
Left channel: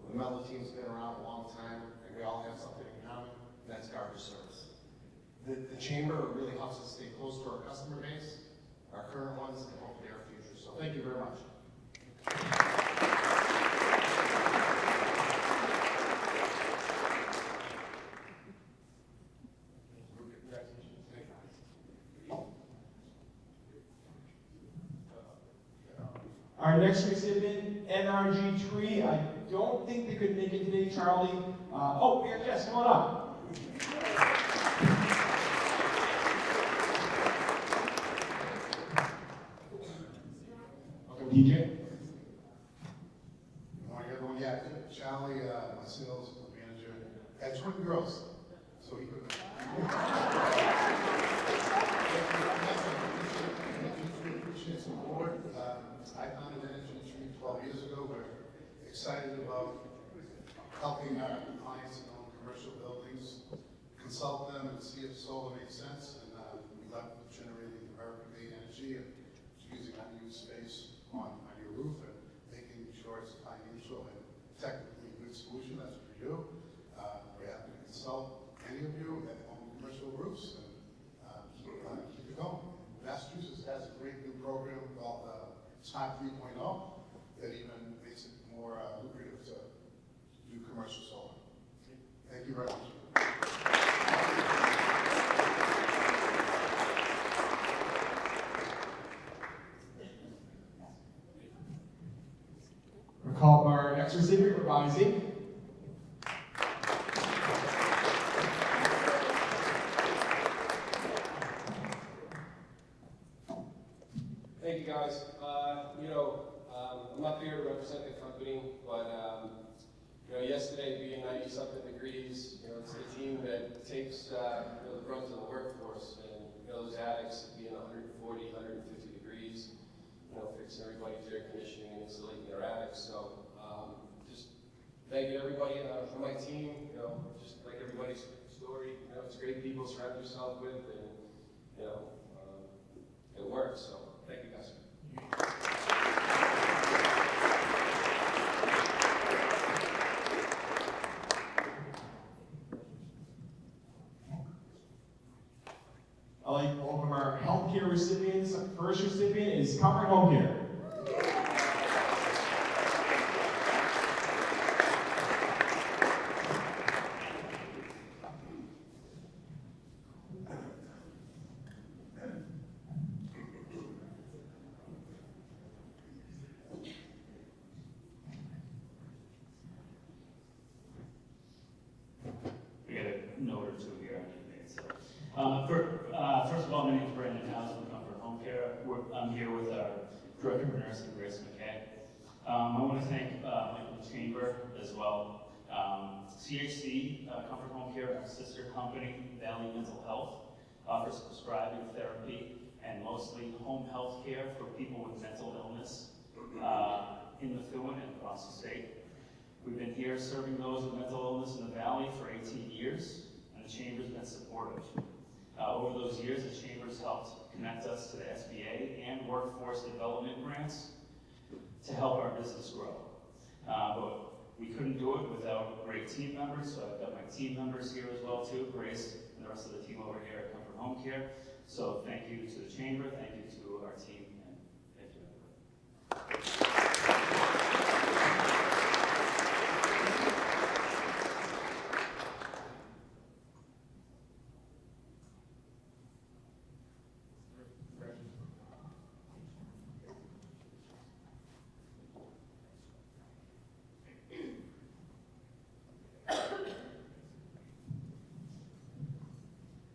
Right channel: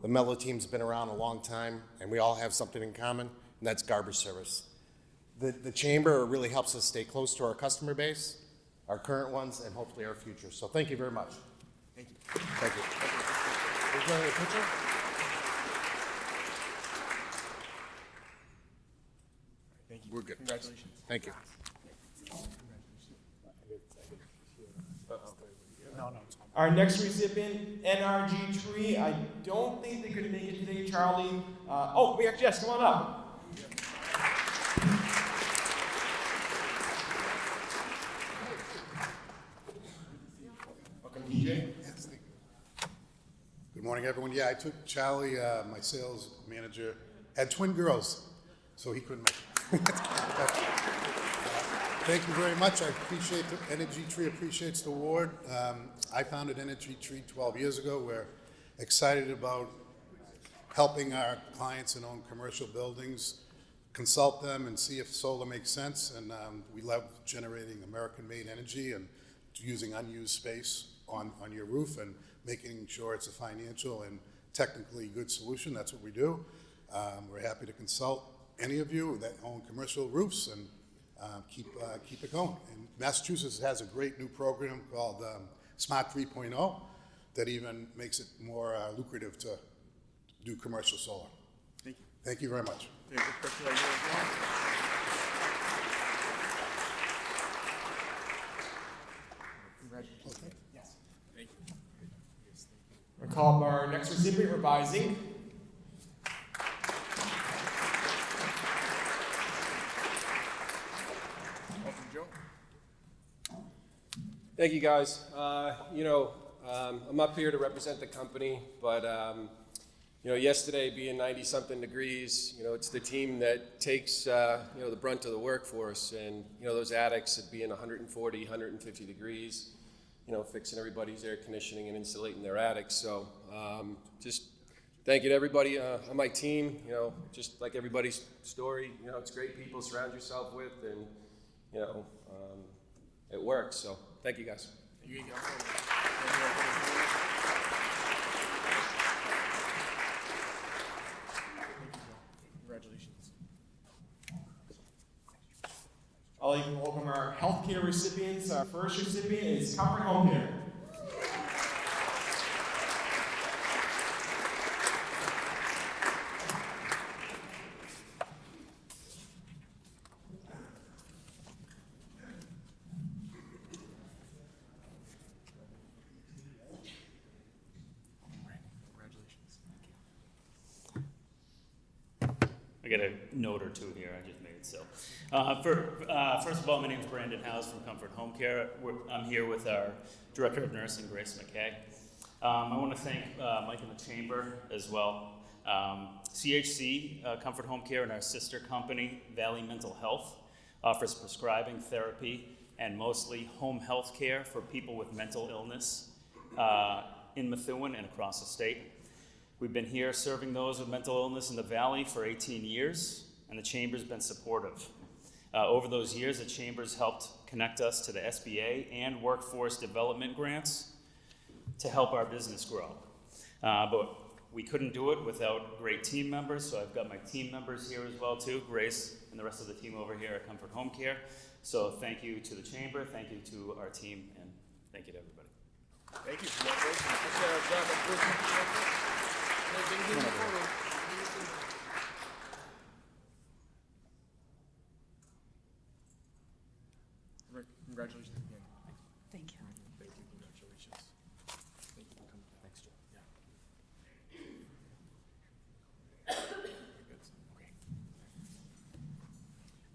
The Mello team's been around a long time, and we all have something in common, and that's garbage service. The Chamber really helps us stay close to our customer base, our current ones, and hopefully our future. So thank you very much. Thank you. We're good. Congratulations. Thank you. Our next recipient, NRG Tree. I don't think they could make it today, Charlie. Oh, we have Jess, come on up. DJ? Good morning, everyone. Yeah, I took Charlie, my sales manager, had twin girls, so he couldn't make it. Thank you very much. I appreciate it. Energy Tree appreciates the award. I founded Energy Tree 12 years ago. We're excited about helping our clients that own commercial buildings, consult them and see if solar makes sense. And we love generating American-made energy and using unused space on your roof and making sure it's a financial and technically good solution. That's what we do. We're happy to consult any of you that own commercial roofs and keep it going. And Massachusetts has a great new program called Smart 3.0 that even makes it more lucrative to do commercial solar. Thank you very much. We'll call up our next recipient, Revising. Thank you, guys. I'm up here to represent the company, but You know, yesterday being 90-something degrees, you know, it's the team that takes, you know, the brunt of the work for us. And, you know, those attics at being 140, 150 degrees, you know, fixing everybody's air conditioning and insulating their attics. So just thank you to everybody on my team. You know, just like everybody's story, you know, it's great people to surround yourself with, and, you know, it works. So thank you guys. I'd like to welcome our healthcare recipients. Our first recipient is Comfort Home Care. I got a note or two here I need to make. So, first of all, my name is Brandon House from Comfort Home Care. I'm here with our Director of Nursing, Grace McKay. I want to thank Michael Chamber as well. CHC, Comfort Home Care, and our sister company, Valley Mental Health, offers prescribing therapy and mostly home health care for people with mental illness in Methuen and across the state. We've been here serving those with mental illness in the Valley for 18 years, and the Chamber's been supportive. Over those years, the Chamber's helped connect us to the SBA and workforce development grants to help our business grow. But we couldn't do it without great team members, so I've got my team members here as well too, Grace and the rest of the team over here at Comfort Home Care. So thank you to the Chamber, thank you to our team, and thank you to everybody. Thank you. Congratulations again. Thank you. Thank you. Congratulations. Thank you. Thanks, Joe.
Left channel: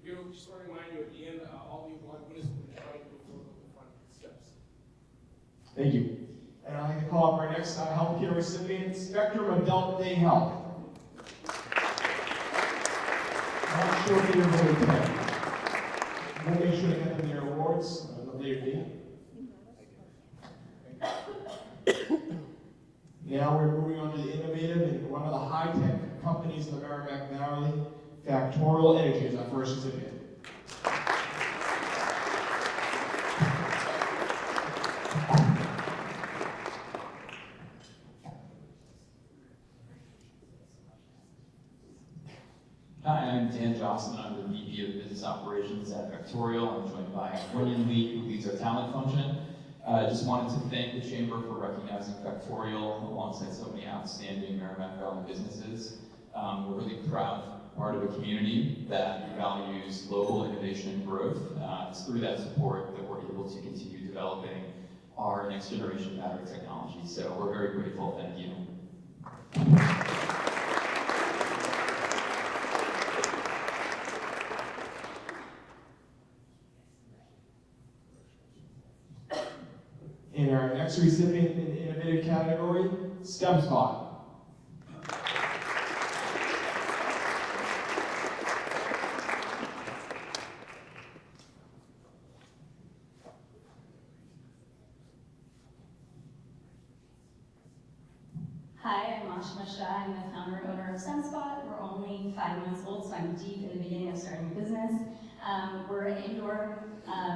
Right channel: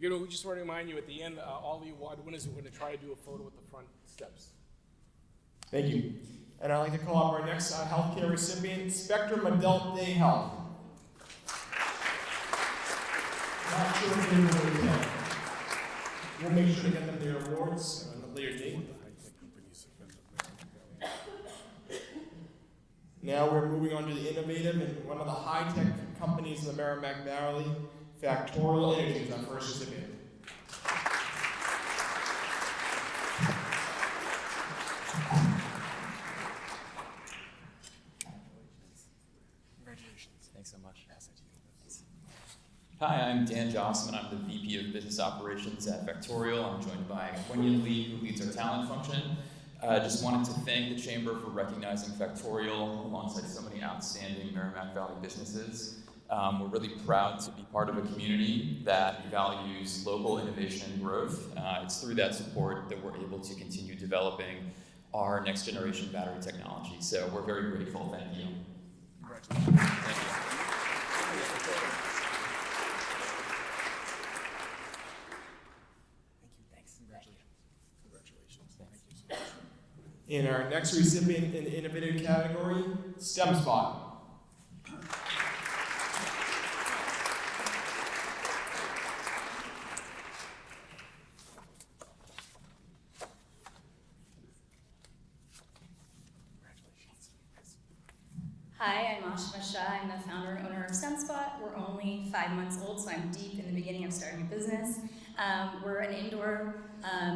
You know, we just want to remind you at the end, all the award winners are going to try to do a photo at the front steps. Thank you. And I'd like to call up our next healthcare recipient, Spectrum Adult Day Health. Not sure if you remember that. We'll make sure they have their awards at a later date. Now we're moving on to the innovative and one of the high-tech companies in the Merrimack Valley, Factorial Energy is our first recipient. Thanks so much. Hi, I'm Dan Johnson. I'm the VP of Business Operations at Factorial. I'm joined by Wendy Lee, who leads our talent function. I just wanted to thank the Chamber for recognizing Factorial alongside so many outstanding Merrimack Valley businesses. We're really proud to be part of a community that values local innovation and growth. It's through that support that we're able to continue developing our next generation battery technology. So we're very grateful. Thank you. And our next recipient in the innovative category, STEM Spot. Hi, I'm Asha Shah. I'm the founder and owner of StemSpot. We're only 5 months old, so I'm deep in the beginning of starting a business. We're an indoor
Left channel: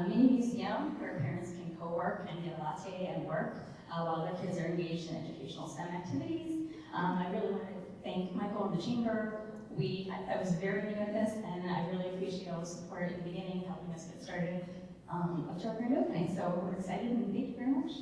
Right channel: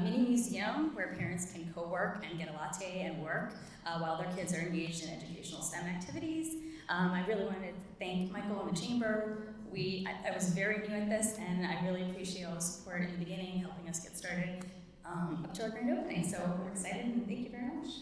mini museum where parents can co-work and get a latte and work while their kids are engaged in educational STEM activities. I really wanted to thank Michael and the Chamber. I was very new at this, and I really appreciate all the support at the beginning, helping us get started up to our grand opening. So we're excited, and thank you very much.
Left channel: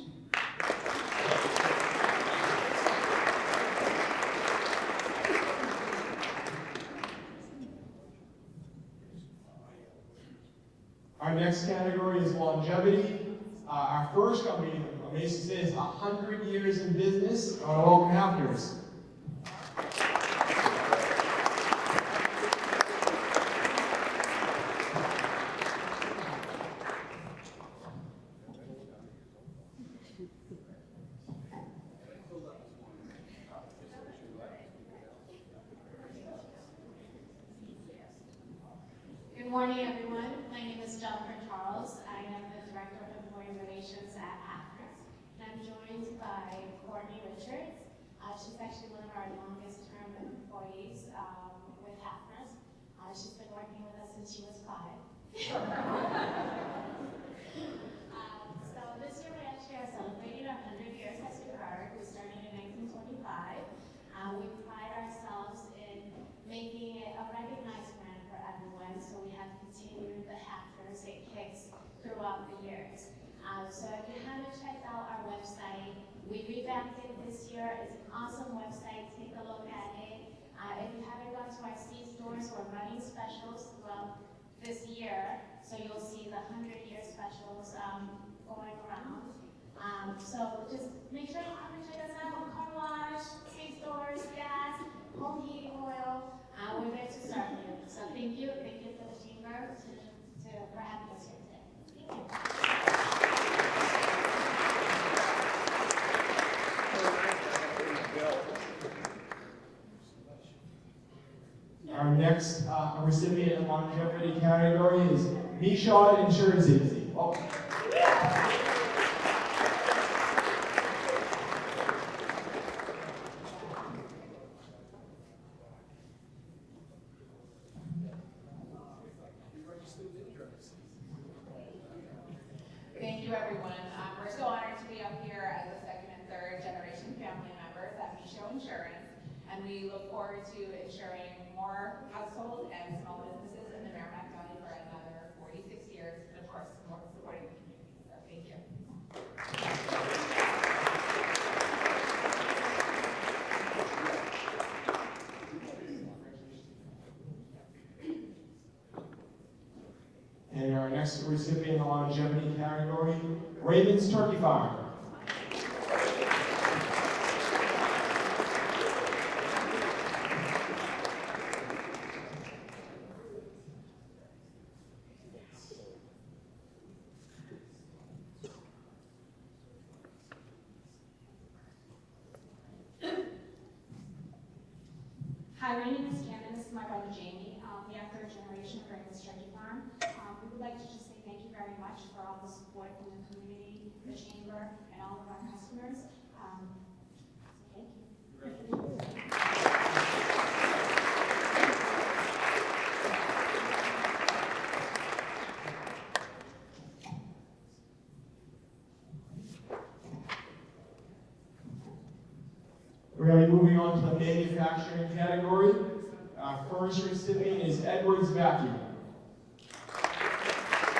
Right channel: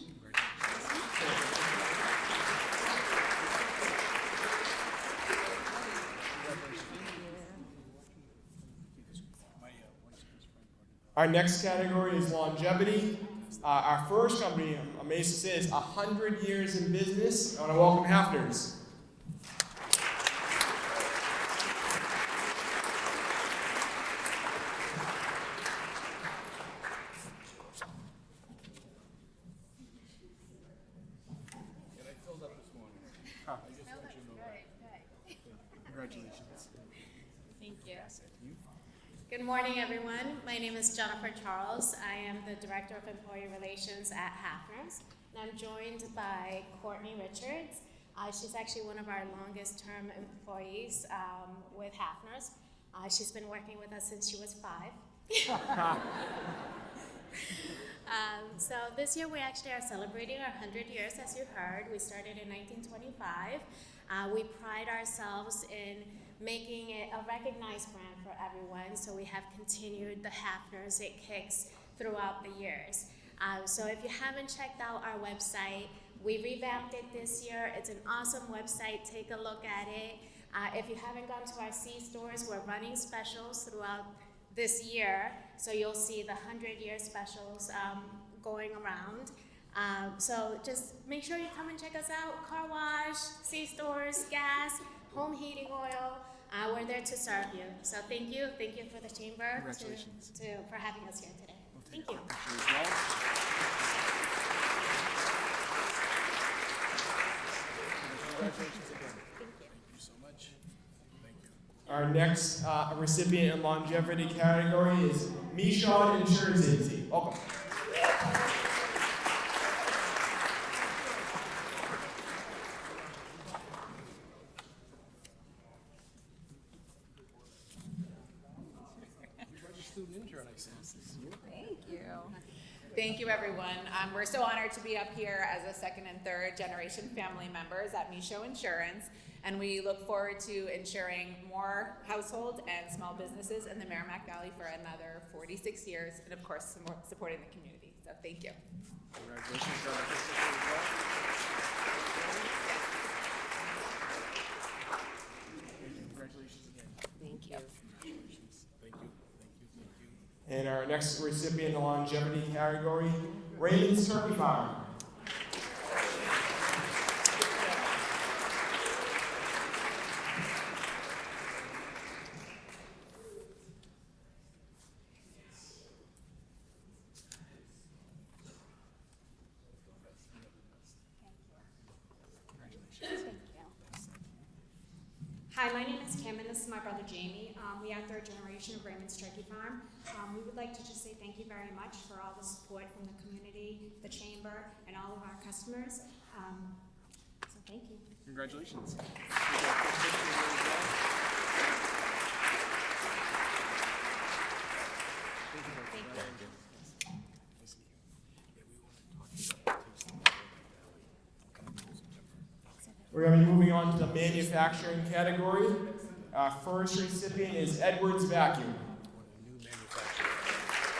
Our next category is longevity. Our first company, amazing is 100 years in business. I want to welcome Hafner's. Good morning, everyone. My name is Jennifer Charles. I am the Director of Employee Relations at Hafner's, and I'm joined by Courtney Richards. She's actually one of our longest term employees with Hafner's. She's been working with us since she was 5. So this year we actually are celebrating our 100 years, as you heard. We started in 1925. We pride ourselves in making it a recognized brand for everyone, so we have continued the Hafner's It Kicks throughout the years. So if you haven't checked out our website, we revamped it this year. It's an awesome website. Take a look at it. If you haven't gone to our C-stores, we're running specials throughout this year, so you'll see the 100-year specials going around. So just make sure you come and check us out. Car wash, C-stores, gas, home heating oil. We're there to serve you. So thank you for the chamber for having us here today. Thank you. Our next recipient in longevity category is Michon Insurance Agency. Oh. Thank you, everyone. We're so honored to be up here as the second and third generation family members at Michaud Insurance, and we look forward to insuring more households and small businesses in the Merrimack Valley for another 46 years, and of course, supporting the community. So thank you. And our next recipient in the longevity category, Ravens Turkey Farm. Hi, my name is Kim, and this is my brother Jamie. We are third generation of Raymond's Turkey Farm. We would like to just say thank you very much for all the support from the community, the chamber, and all of our customers. So thank you. Congratulations. We're going to be moving on to the manufacturing category. First recipient is Edwards Vacuum.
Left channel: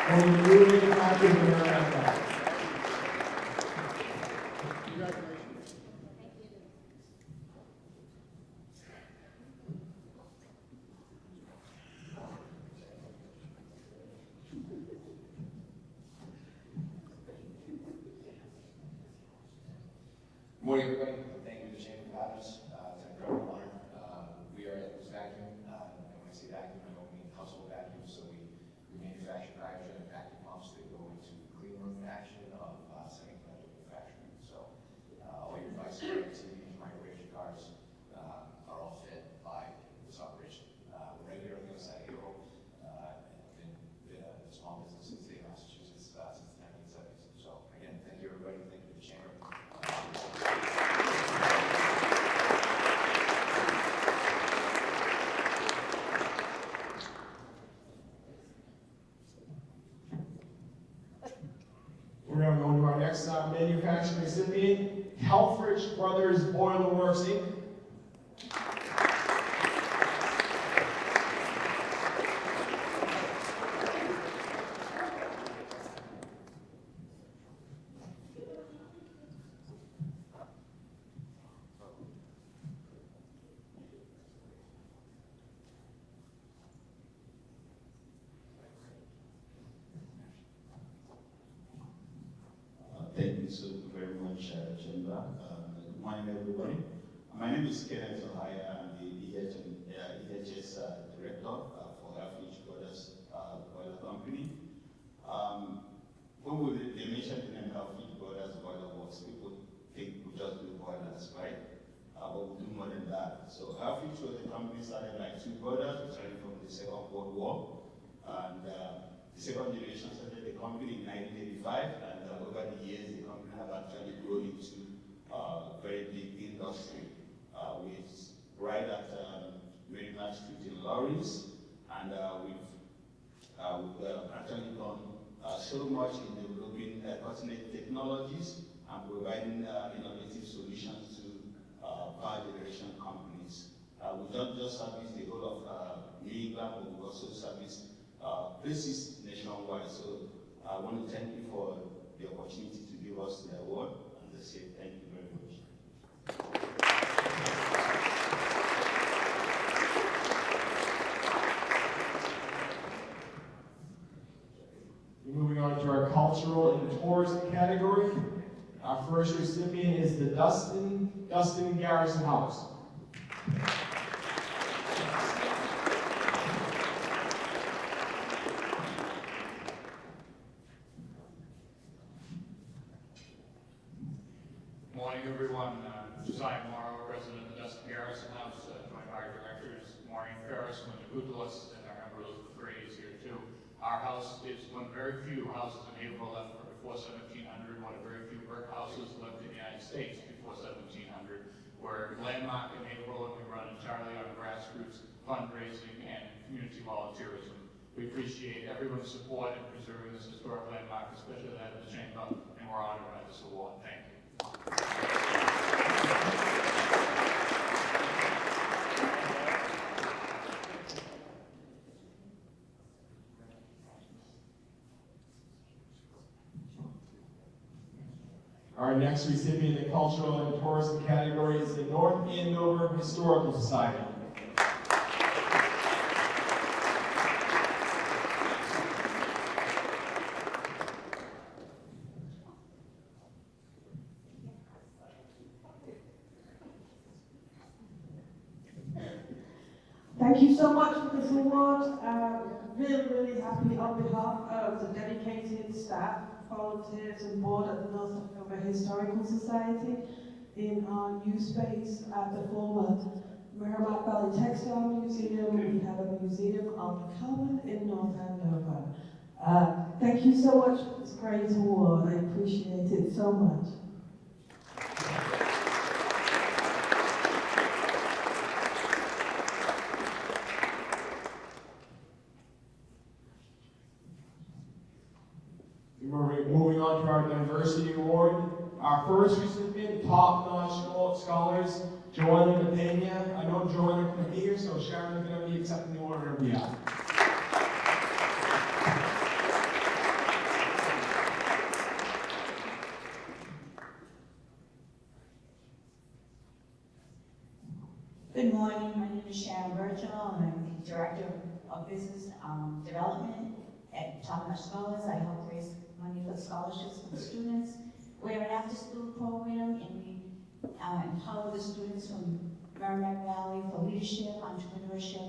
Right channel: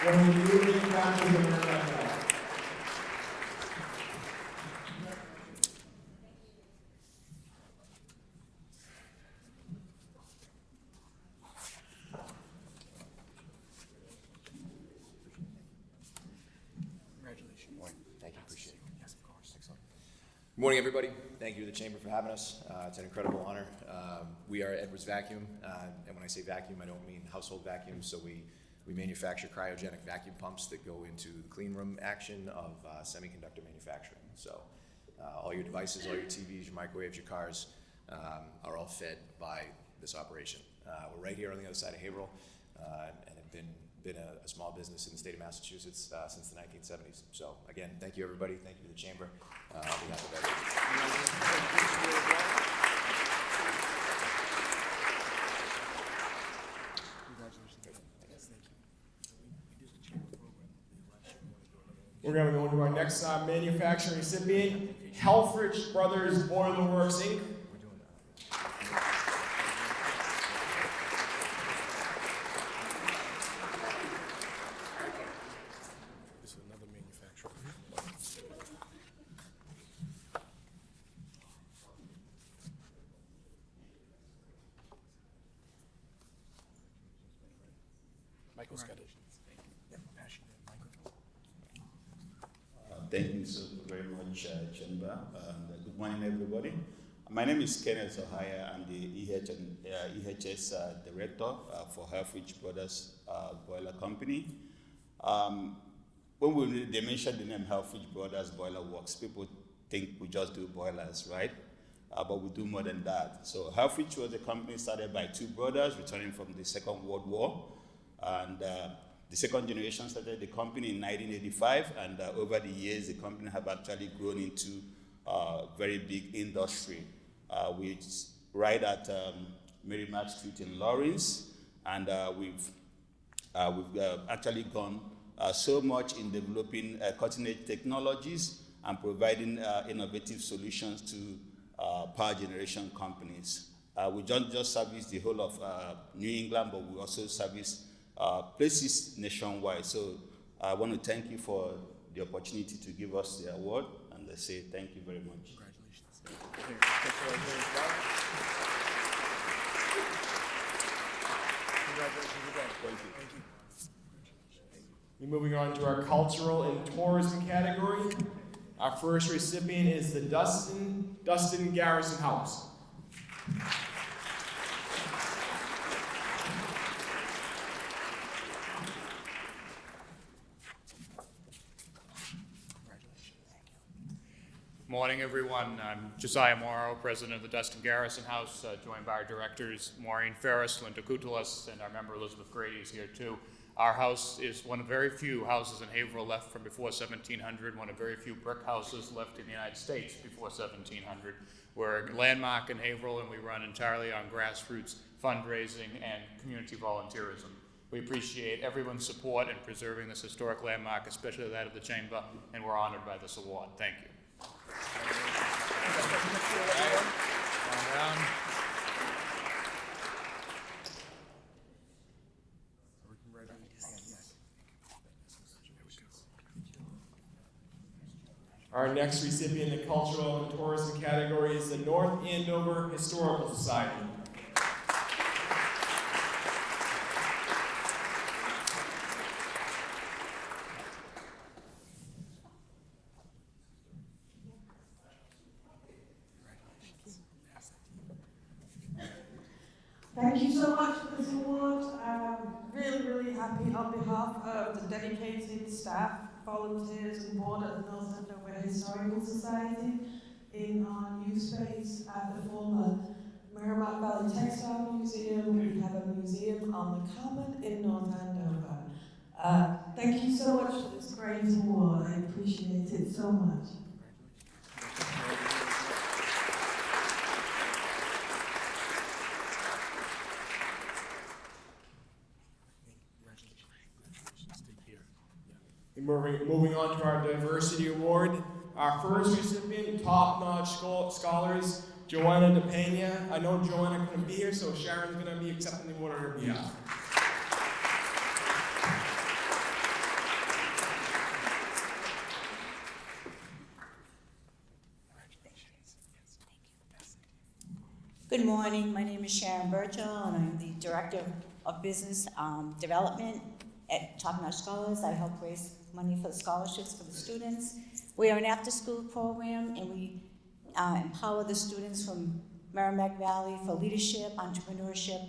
Good morning, everybody. Thank you to the Chamber for having us. It's an incredible honor. We are Edwards Vacuum, and when I say vacuum, I don't mean household vacuum. So we manufacture cryogenic vacuum pumps that go into the clean room action of semiconductor manufacturing. So all your devices, all your TVs, your microwaves, your cars are all fed by this operation. We're right here on the other side of Haverhill, and have been a small business in the state of Massachusetts since the 1970s. So again, thank you, everybody. Thank you to the Chamber. We're going to move to our next manufacturing recipient, Helfrich Brothers Boiler Works, Inc. Thank you so very much, Chamber. Good morning, everybody. My name is Kenneth Ohaya. I'm the EHS Director for Helfrich Brothers Boiler Company. When they mention the name Helfrich Brothers Boiler Works, people think we just do boilers, right? But we do more than that. So Helfrich was a company started by two brothers returning from the Second World War. and the second generation started the company in 1985, and over the years, the company have actually grown into a very big industry. We right at Merrimack Street in Lawrence, and we've actually gone so much in developing cutting-edge technologies and providing innovative solutions to power generation companies. We don't just service the whole of New England, but we also service places nationwide. So I want to thank you for the opportunity to give us the award, and I say thank you very much. Moving on to our cultural and tourism category. Our first recipient is the Dustin Garrison House. Morning, everyone. I'm Josiah Morrow, president of the Dustin Garrison House, joined by our directors Maureen Ferris, Linda Kutelis, and our member Elizabeth Grady is here too. Our house is one of very few houses in Haverhill left from before 1700, one of very few brick houses left in the United States before 1700. We're a landmark in Haverhill, and we run entirely on grassroots fundraising and community volunteerism. We appreciate everyone's support in preserving this historic landmark, especially that of the Chamber, and we're honored by this award. Thank you. Our next recipient in the cultural and tourism category is the North Andover Historical Society. Thank you so much for this award. Really happy on behalf of the dedicated staff, volunteers and board at the North Andover Historical Society in our new space at the former Merrimack Valley Textile Museum. We have a museum on Common in North Andover. Thank you so much for this great award. I appreciate it so much. Moving on to our diversity award. Our first recipient, top-notch scholars, Joanna DePena. I know Joanna couldn't be here, so Sharon's going to be accepting the award on her behalf. Good morning, my name is Sharon Birchall, and I'm the Director of Business Development at Top Notch Scholars. I help raise money for the scholarships for the students. We are an after-school program, and we empower the students from Merrimack Valley for leadership, entrepreneurship,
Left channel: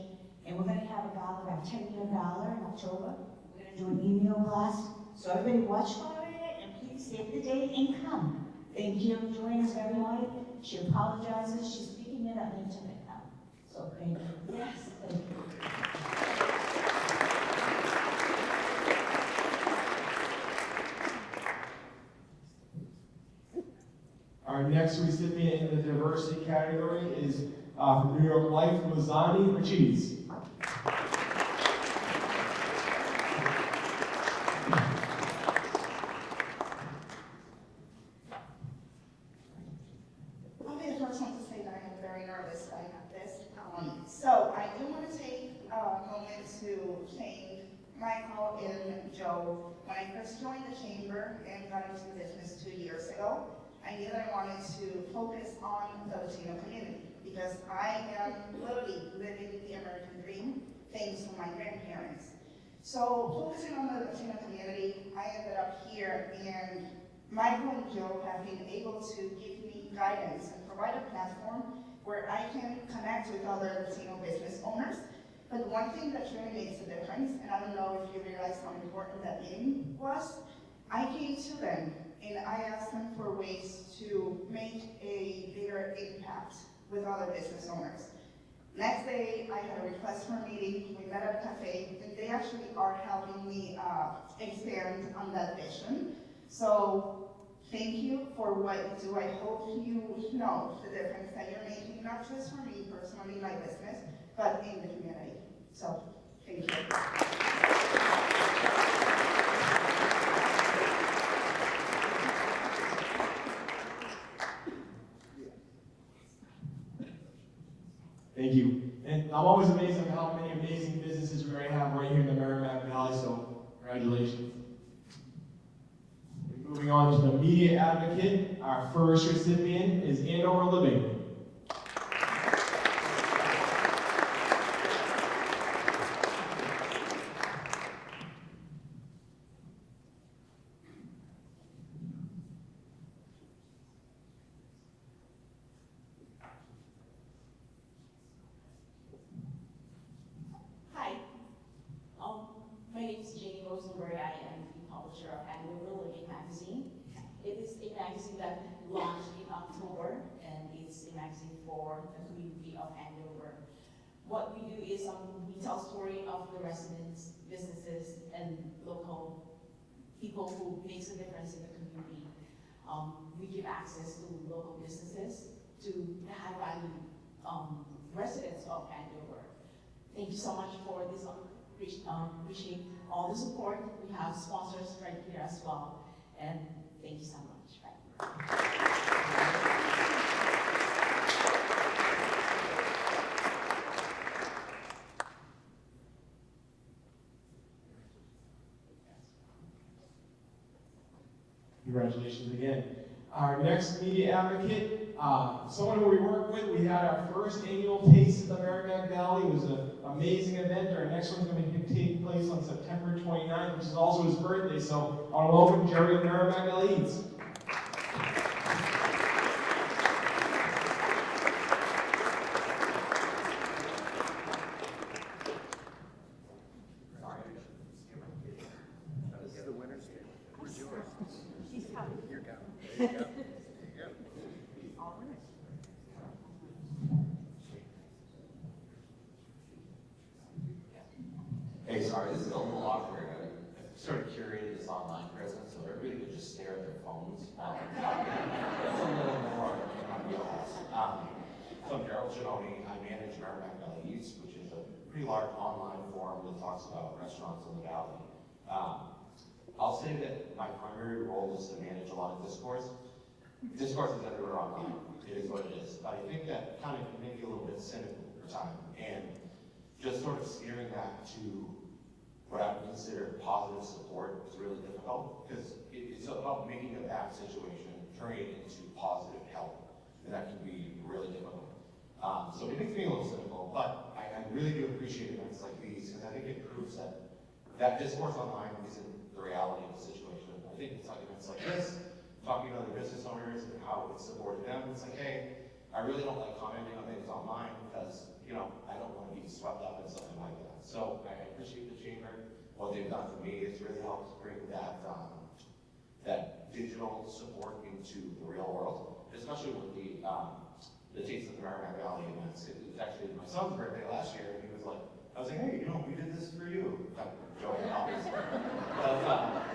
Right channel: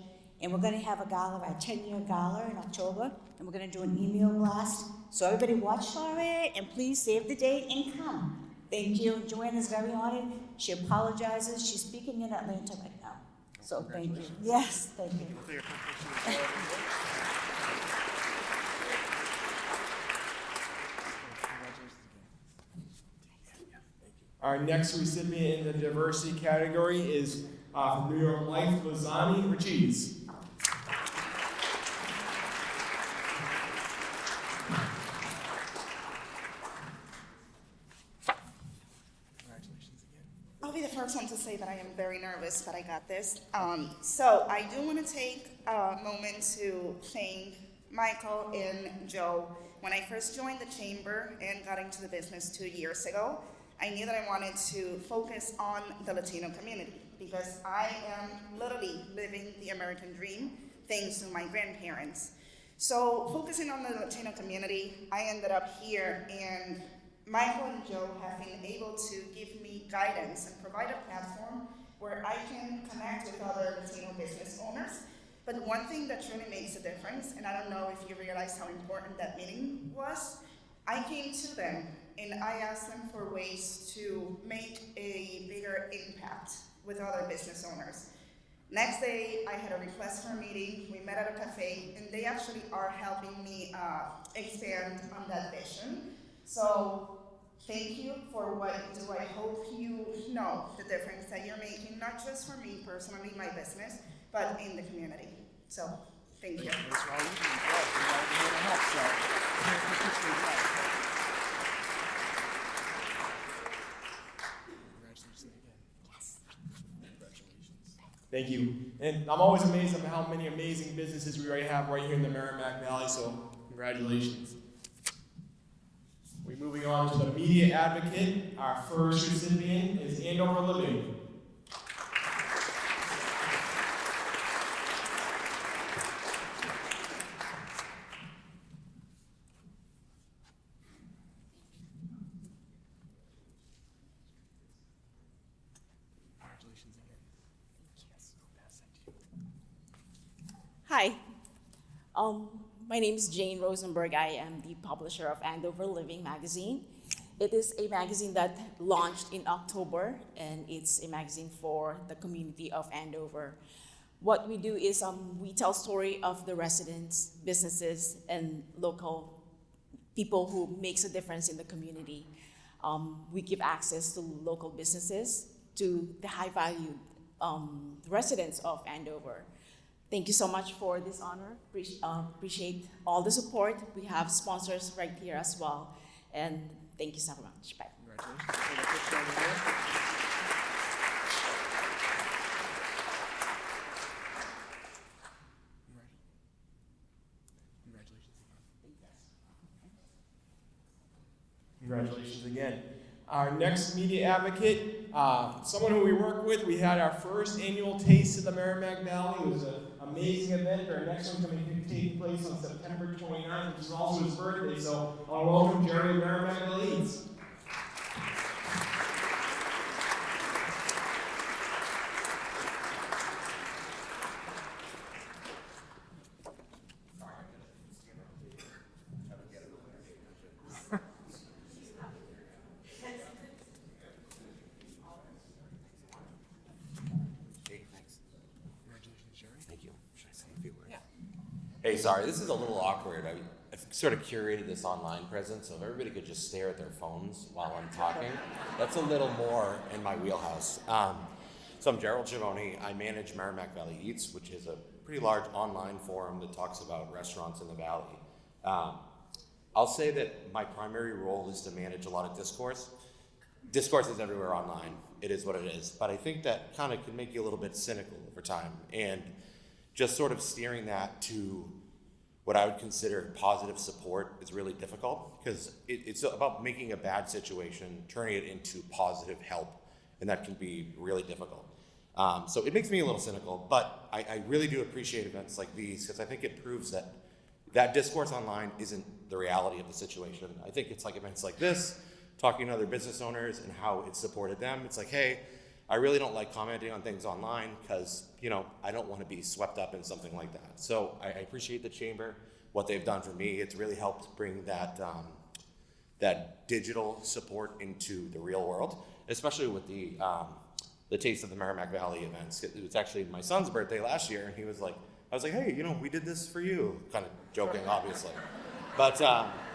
and we're going to have a gala, our 10-year gala in October, and we're going to do an email blast. So everybody watch for it, and please save the date and come. Thank you. Joanna's very honored. She apologizes. She's speaking in Atlanta right now. So thank you. Yes, thank you. Our next recipient in the diversity category is New York Life, Lozani Rachiz. I'll be the first one to say that I am very nervous, but I got this. So I do want to take a moment to thank Michael and Joe. When I first joined the Chamber and got into the business 2 years ago, I knew that I wanted to focus on the Latino community because I am literally living the American dream thanks to my grandparents. So focusing on the Latino community, I ended up here, and Michael and Joe have been able to give me guidance and provide a platform where I can connect with other Latino business owners. But one thing that truly makes a difference, and I don't know if you realize how important that meeting was, I came to them and I asked them for ways to make a bigger impact with other business owners. Next day, I had a request for a meeting. We met Guerrero Cafe, and they actually are helping me expand on that vision. So thank you for what you do. I hope you know the difference that you're making, not just for me personally, my business, but in the community. So thank you. Thank you. And I'm always amazed at how many amazing businesses we already have right here in the Merrimack Valley, so congratulations. We're moving on to the media advocate. Our first recipient is Andover Living. Hi, my name is Jane Rosenberg. I am the publisher of Andover Living magazine. It is a magazine that launched in October, and it's a magazine for the community of Andover. What we do is we tell story of the residents, businesses, and local people who makes a difference in the community. We give access to local businesses, to the high-value residents of Andover. Thank you so much for this honor. Appreciate all the support. We have sponsors right here as well. And thank you so much. Bye. Congratulations again. Our next media advocate, someone who we work with. We had our first annual Taste of the Merrimack Valley. It was an amazing event. Our next one's going to be taking place on September 29th, which is also his birthday. So I want to welcome Jerry of Merrimack Valley Eats. Hey, sorry, this is a little awkward. I've sort of curated this online presence so everybody could just stare at their phones while I'm talking. That's a little more in my wheelhouse. So I'm Gerald Giavoni. I manage Merrimack Valley Eats, which is a pretty large online forum that talks about restaurants in the valley. I'll say that my primary role is to manage a lot of discourse. Discourse is everywhere online. It is what it is. But I think that kind of can make you a little bit cynical over time. And just sort of steering that to what I would consider positive support is really difficult because it's about making a bad situation, turning it into positive help, and that can be really difficult. So it makes me a little cynical, but I really do appreciate events like these because I think it proves that that discourse online isn't the reality of the situation. I think it's like events like this, talking to other business owners and how it supported them. It's like, hey, I really don't like commenting on things online because, you know, I don't want to be swept up in something like that. So I appreciate the Chamber, what they've done for me. It's really helped bring that that digital support into the real world, especially with the Taste of the Merrimack Valley events. It was actually my son's birthday last year, and he was like, I was like, hey, you know, we did this for you. Kind of joking, obviously. But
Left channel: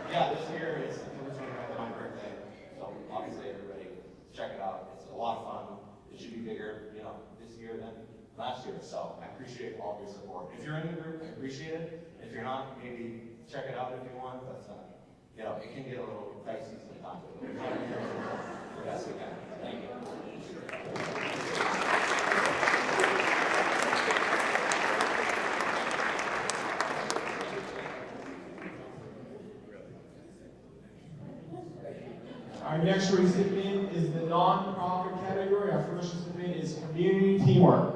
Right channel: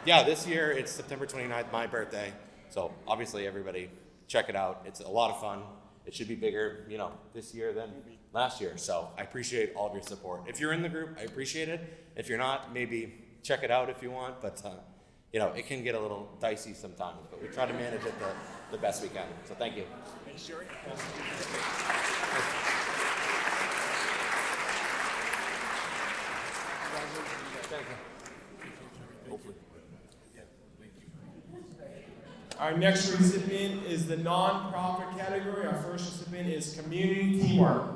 yeah, this year it's September 29th, my birthday. So obviously everybody check it out. It's a lot of fun. It should be bigger, you know, this year than last year. So I appreciate all of your support. If you're in the group, I appreciate it. If you're not, maybe check it out if you want. But, you know, it can get a little dicey sometimes. But we're trying to manage it the best we can. So thank you. Our next recipient is the non-profit category. Our first recipient is Community Teamwork.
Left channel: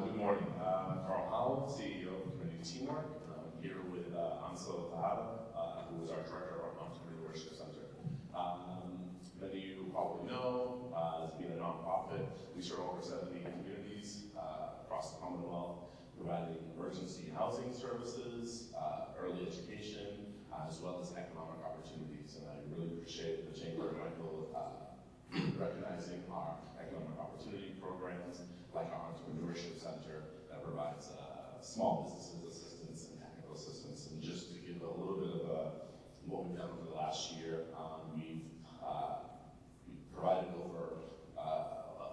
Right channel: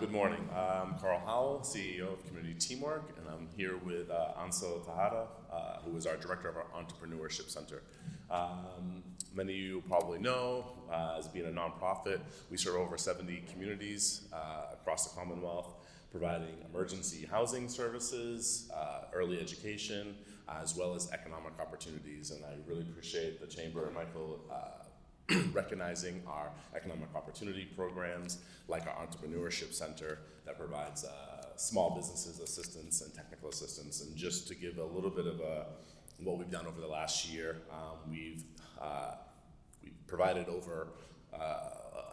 Good morning. I'm Carl Howell, CEO of Community Teamwork, and I'm here with Ansel Tahada, who is our director of our Entrepreneurship Center. Many of you probably know, as being a nonprofit, we serve over 70 communities across the Commonwealth, providing emergency housing services, early education, as well as economic opportunities. And I really appreciate the Chamber and Michael recognizing our economic opportunity programs, like our Entrepreneurship Center that provides small businesses assistance and technical assistance. And just to give a little bit of what we've done over the last year, we've provided over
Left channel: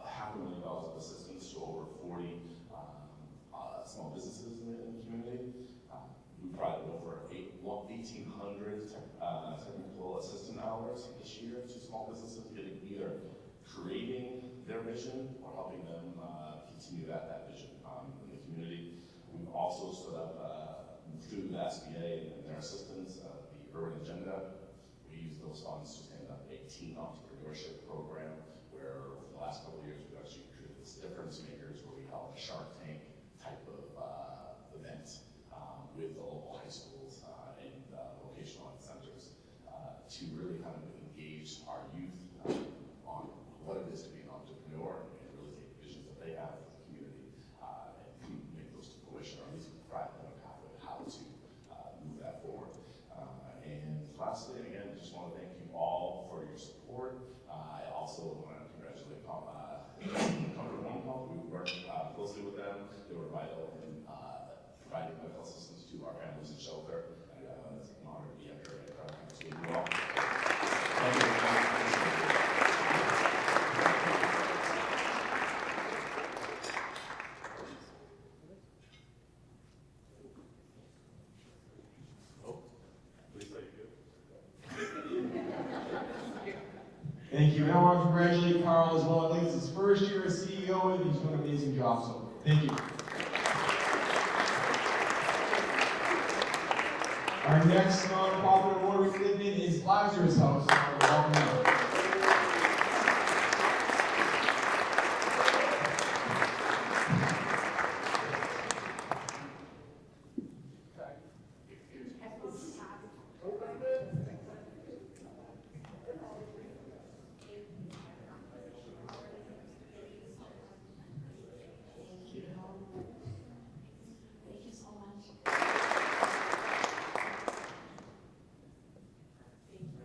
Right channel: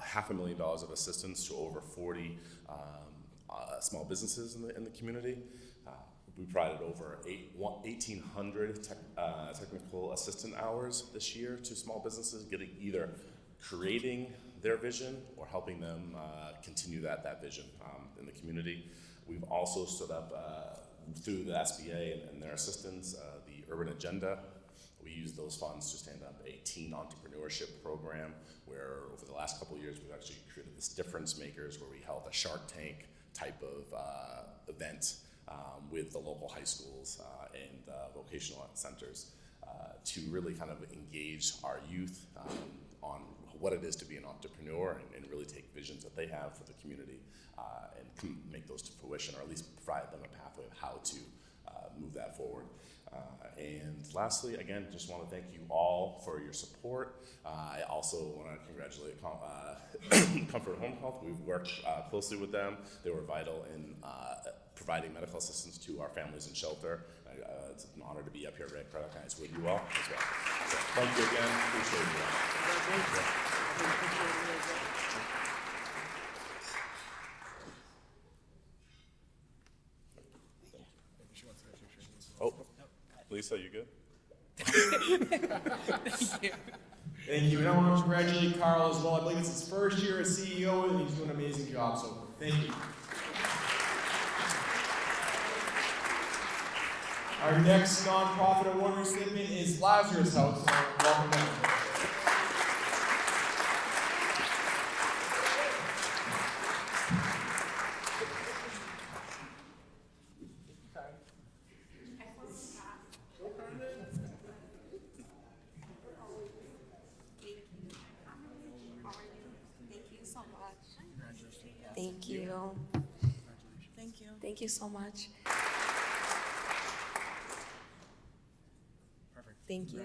$500,000 of assistance to over 40 small businesses in the community. We provided over 1,800 technical assistant hours this year to small businesses, getting either creating their vision or helping them continue that vision in the community. We've also stood up through the SBA and their assistance, the Urban Agenda. We used those funds to stand up a teen entrepreneurship program where over the last couple of years we've actually created this Difference Makers, where we held a Shark Tank type of event with the local high schools and vocational centers to really kind of engage our youth on what it is to be an entrepreneur and really take visions that they have for the community and make those to fruition, or at least provide them a pathway of how to move that forward. And lastly, again, just want to thank you all for your support. I also want to congratulate Comfort Home Health. We've worked closely with them. They were vital in providing medical assistance to our families in shelter. It's an honor to be up here at Credit Clients with you all. Thank you again. Oh, Lisa, you good? Thank you. Thank you. And I want to congratulate Carl as well. I think it's his first year as CEO, and he's done an amazing job. So thank you. Our next nonprofit award recipient is Lazarus House. Welcome back. Thank you. Thank you. Thank you so much. Thank you.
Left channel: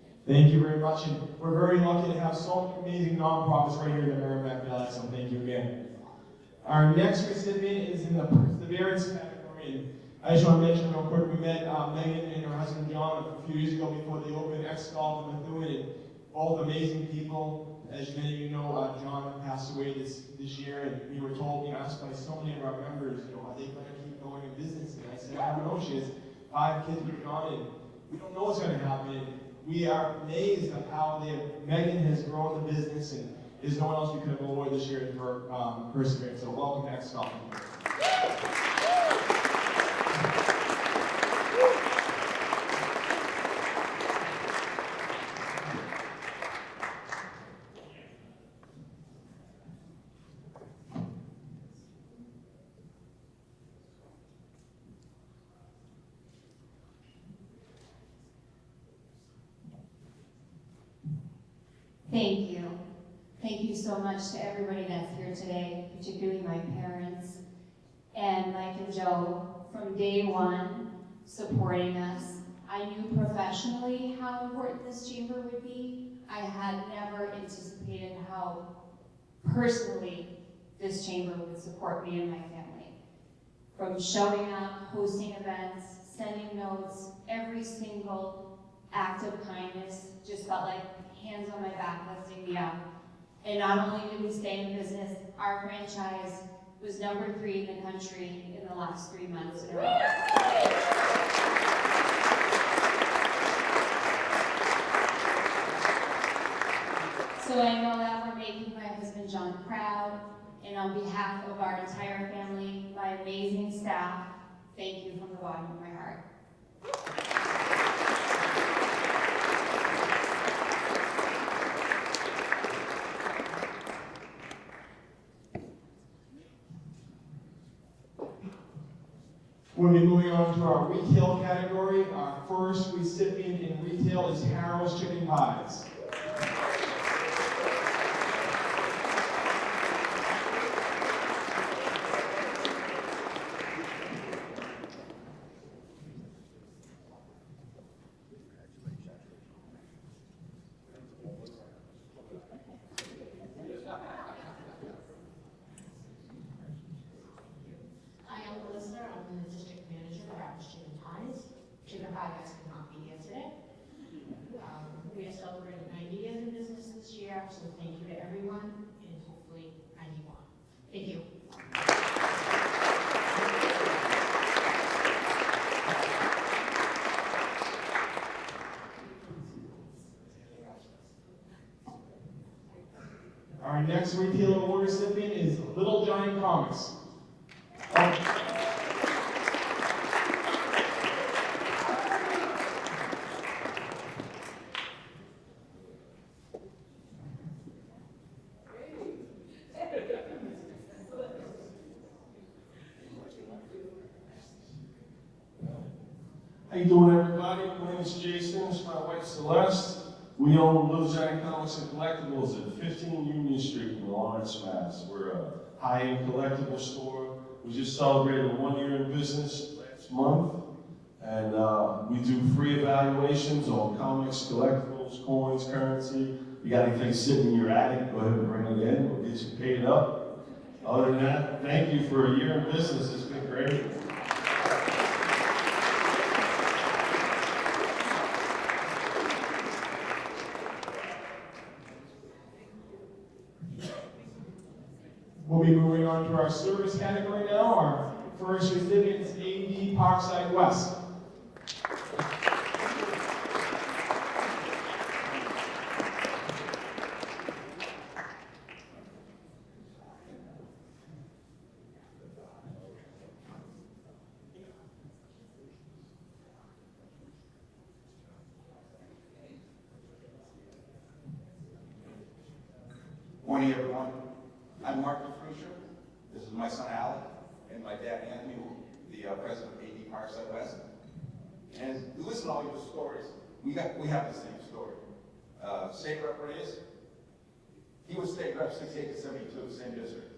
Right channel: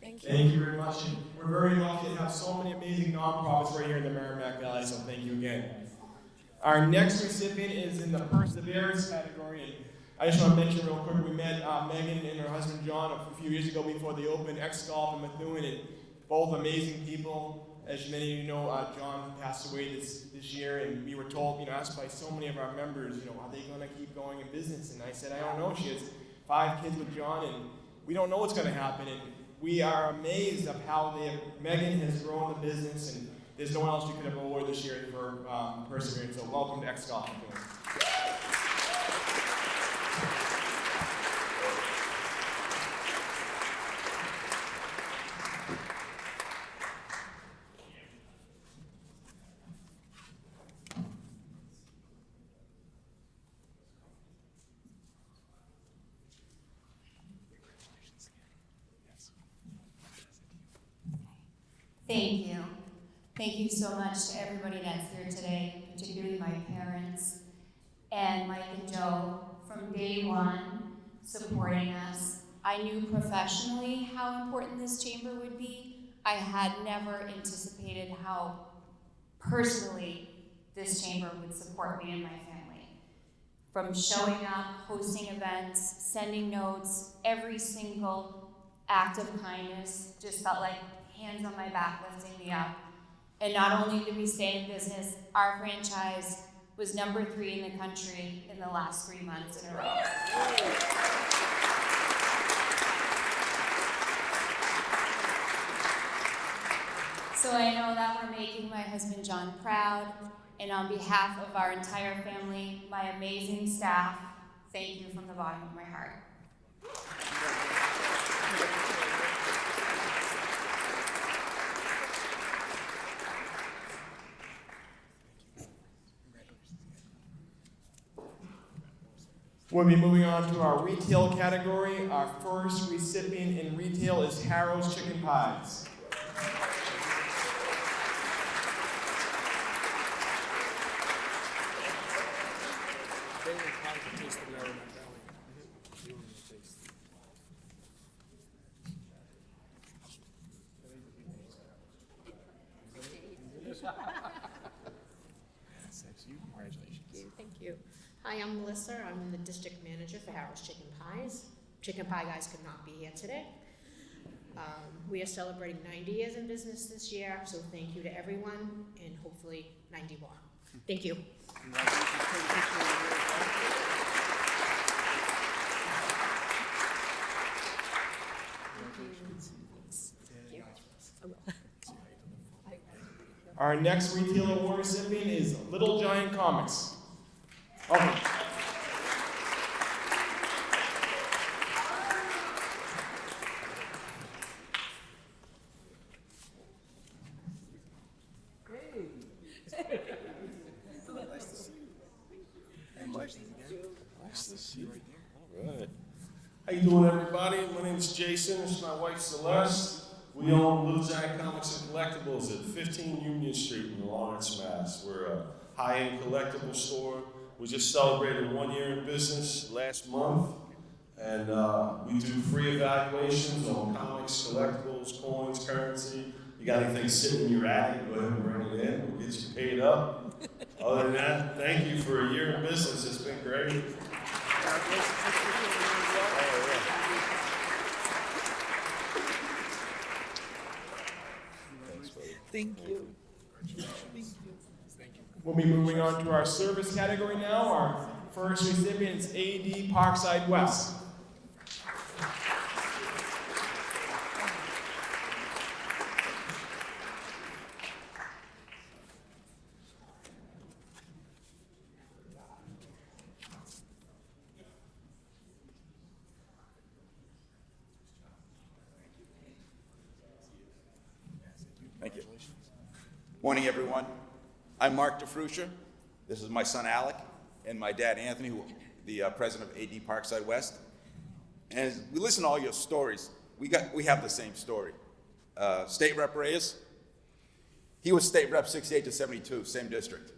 Thank you. Thank you very much. And we're very lucky to have so many amazing nonprofits right here in the Merrimack Valley, so thank you again. Our next recipient is in the Perseverance category. And I just want to mention real quick, we met Megan and her husband John a few years ago before the Open ex-golf in Methuen, and both amazing people. As many of you know, John passed away this year, and we were told, asked by so many of our members, are they going to keep going in business? And I said, I don't know. She has 5 kids with John, and we don't know what's going to happen. And we are amazed at how Megan has grown the business, and there's no one else we could have awarded this year for Perseverance. So welcome to X-Golf. Thank you. Thank you so much to everybody that's here today, particularly my parents and Mike and Joe from day one supporting us. I knew professionally how important this chamber would be. I had never anticipated how personally this chamber would support me and my family. From showing up, hosting events, sending notes, every single act of kindness just felt like hands on my back lifting me up. And not only did we stay in business, our franchise was number 3 in the country in the last 3 months in a row. So I know that we're making my husband John proud, and on behalf of our entire family, my amazing staff, thank you from the bottom of my heart. We'll be moving on to our retail category. Our first recipient in retail is Harrow's Chicken Pies. I am Melissa. I'm the district manager for Harris Chicken Pies. Chicken Pie guys could not be here today. We are celebrating 90 years in business this year, so thank you to everyone, and hopefully 90 more. Thank you. Our next Retail Award recipient is Little Giant Comics. Oh. How you doing, everybody? My name is Jason. This is my wife, Celeste. We own Little Giant Comics and Collectibles at 15 Union Street in Lawrence, Mass. We're a high-end collectible store. We just celebrated 1 year in business last month. And we do free evaluations on comics, collectibles, coins, currency. You got anything sitting in your attic, go ahead and bring it in. We'll get you paid up. Other than that, thank you for a year in business. It's been great. Thank you. We'll be moving on to our service category now. Our first recipient is AD Parkside West. Thank you. Morning, everyone. I'm Mark DeFrucia. This is my son, Alec, and my dad, Anthony, the president of AD Parkside West. And as we listen to all your stories, we have the same story. State Rep Reyes, he was State Rep 68 to 72, same district,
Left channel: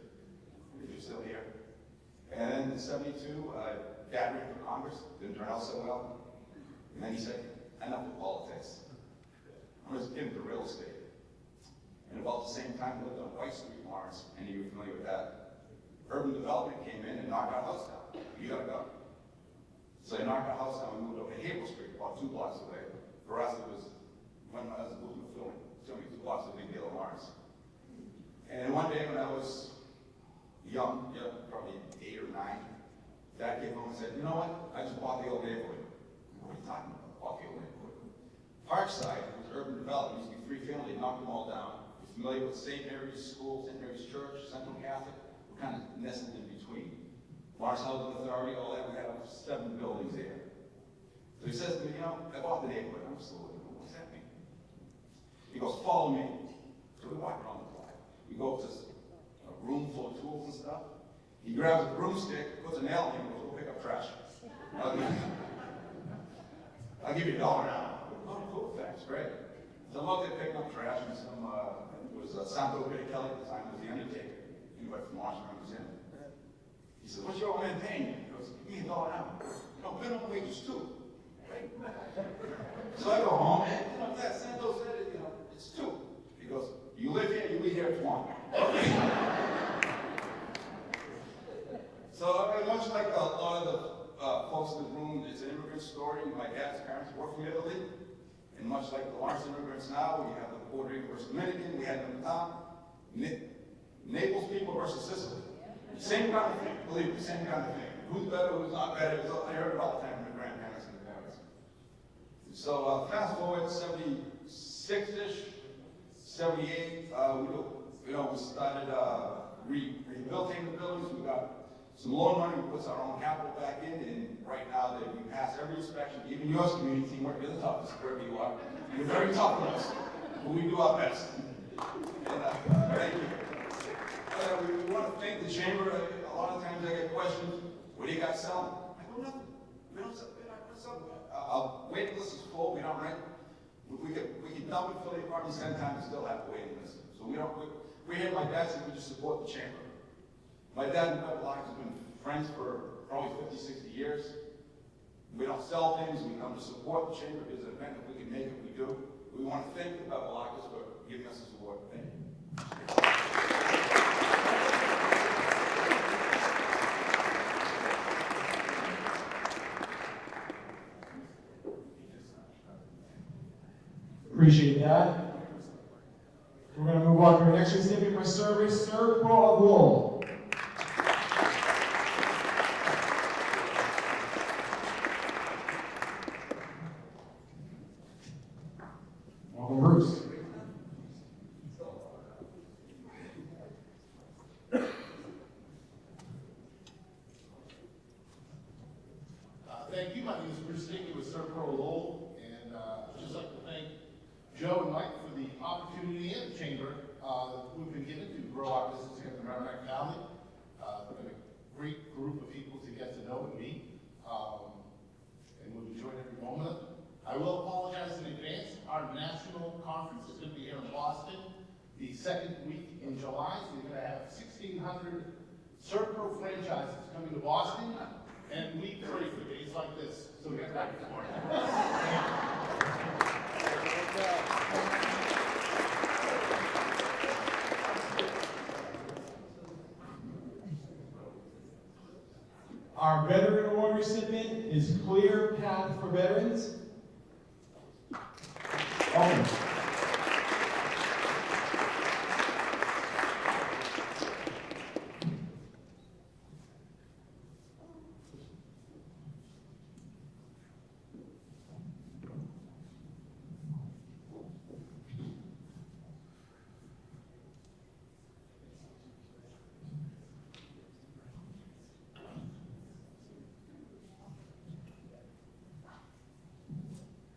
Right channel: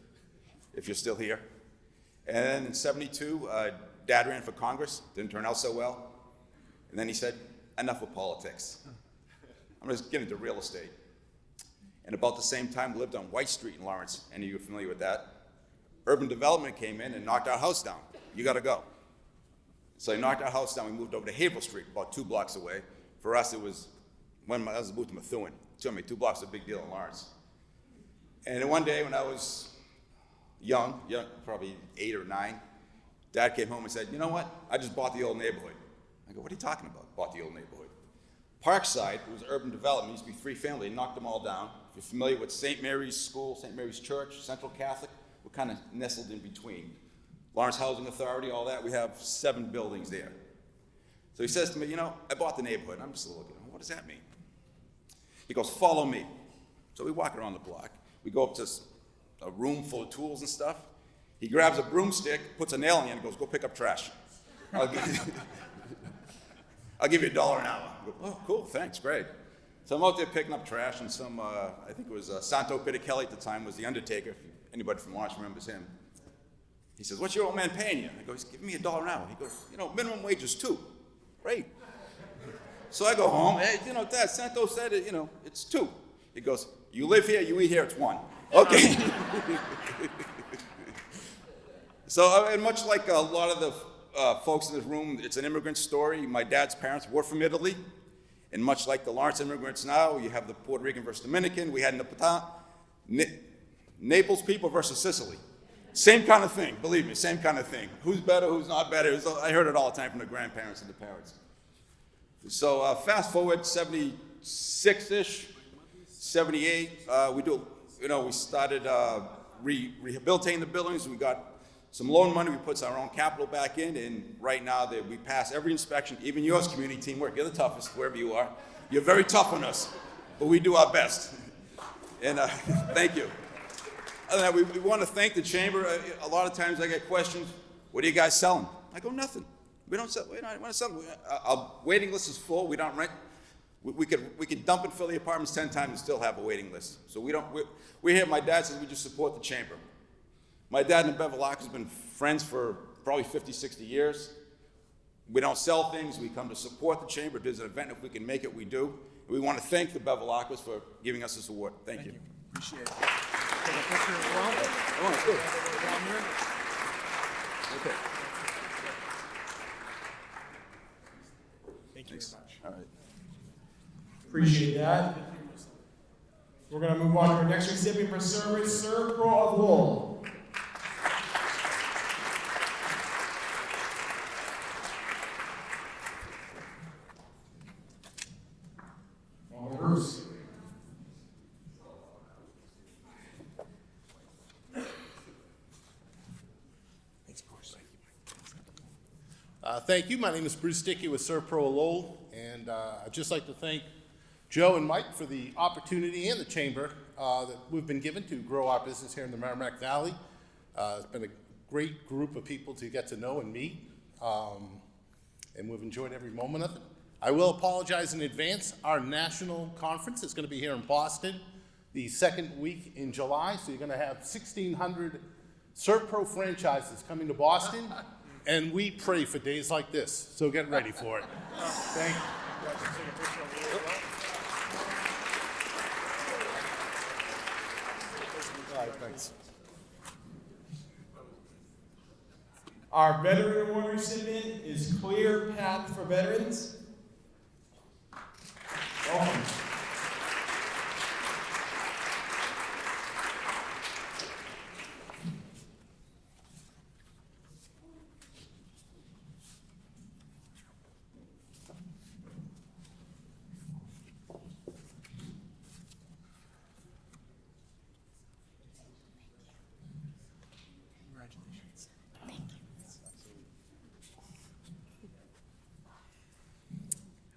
if you're still here. And in 72, Dad ran for Congress, didn't turn out so well. And then he said, enough of politics. I'm gonna get into real estate. And about the same time, lived on White Street in Lawrence. Any of you familiar with that? Urban development came in and knocked our house down. You gotta go. So they knocked our house down. We moved over to Havel Street, about 2 blocks away. For us, it was, when my husband moved to Methuen, 2 blocks is a big deal in Lawrence. And then one day when I was young, probably 8 or 9, Dad came home and said, you know what? I just bought the old neighborhood. I go, what are you talking about? Bought the old neighborhood. Parkside, it was urban development, used to be free family, they knocked them all down. If you're familiar with St. Mary's School, St. Mary's Church, Central Catholic, we're kind of nestled in between. Lawrence Housing Authority, all that, we have 7 buildings there. So he says to me, you know, I bought the neighborhood. I'm just a little, what does that mean? He goes, follow me. So we walk around the block. We go up to a room full of tools and stuff. He grabs a broomstick, puts a nail in it, and goes, go pick up trash. I'll give you $1 an hour. Oh, cool, thanks, great. So I'm out there picking up trash, and some, I think it was Santo Pitichelli at the time, was the undertaker. Anybody from Lawrence remembers him. He says, what's your old man paying you? He goes, give me $1 an hour. He goes, you know, minimum wage is 2. Great. So I go home, hey, you know, Dad, Santo said it, you know, it's 2. He goes, you live here, you eat here, it's 1. Okay. So, and much like a lot of the folks in this room, it's an immigrant story. My dad's parents were from Italy. And much like the Lawrence immigrants now, you have the Puerto Rican versus Dominican, we had Naples people versus Sicily. Same kind of thing, believe me, same kind of thing. Who's better, who's not better? I heard it all the time from the grandparents and the parents. So fast forward 76-ish, 78, we started rehabilitating the buildings. We got some loan money, we put our own capital back in, and right now that we pass every inspection, even yours, community teamwork, you're the toughest, wherever you are. You're very tough on us, but we do our best. And thank you. We want to thank the chamber. A lot of times I get questions, what are you guys selling? I go, nothing. We don't sell, we don't want to sell. Our waiting list is full, we don't rent. We could dump and fill the apartments 10 times and still have a waiting list. So we're here, my dad says we just support the chamber. My dad and Bevelacqua has been friends for probably 50, 60 years. We don't sell things, we come to support the chamber. There's an event, if we can make it, we do. We want to thank the Bevelacquas for giving us this award. Thank you. Appreciate it. Appreciate that. We're going to move on to our next recipient for service, Sir Pro Award. Bruce. Thank you. My name is Bruce Dickey with ServPro Lowell, and I'd just like to thank Joe and Mike for the opportunity and the chamber that we've been given to grow our business here in the Merrimack Valley. It's been a great group of people to get to know and meet, and we've enjoyed every moment of it. I will apologize in advance. Our national conference is going to be here in Boston the second week in July, so you're going to have 1,600 ServPro franchises coming to Boston. And we pray for days like this, so get ready for it. Thank you. Our Veteran Award recipient is Clear Path for Veterans.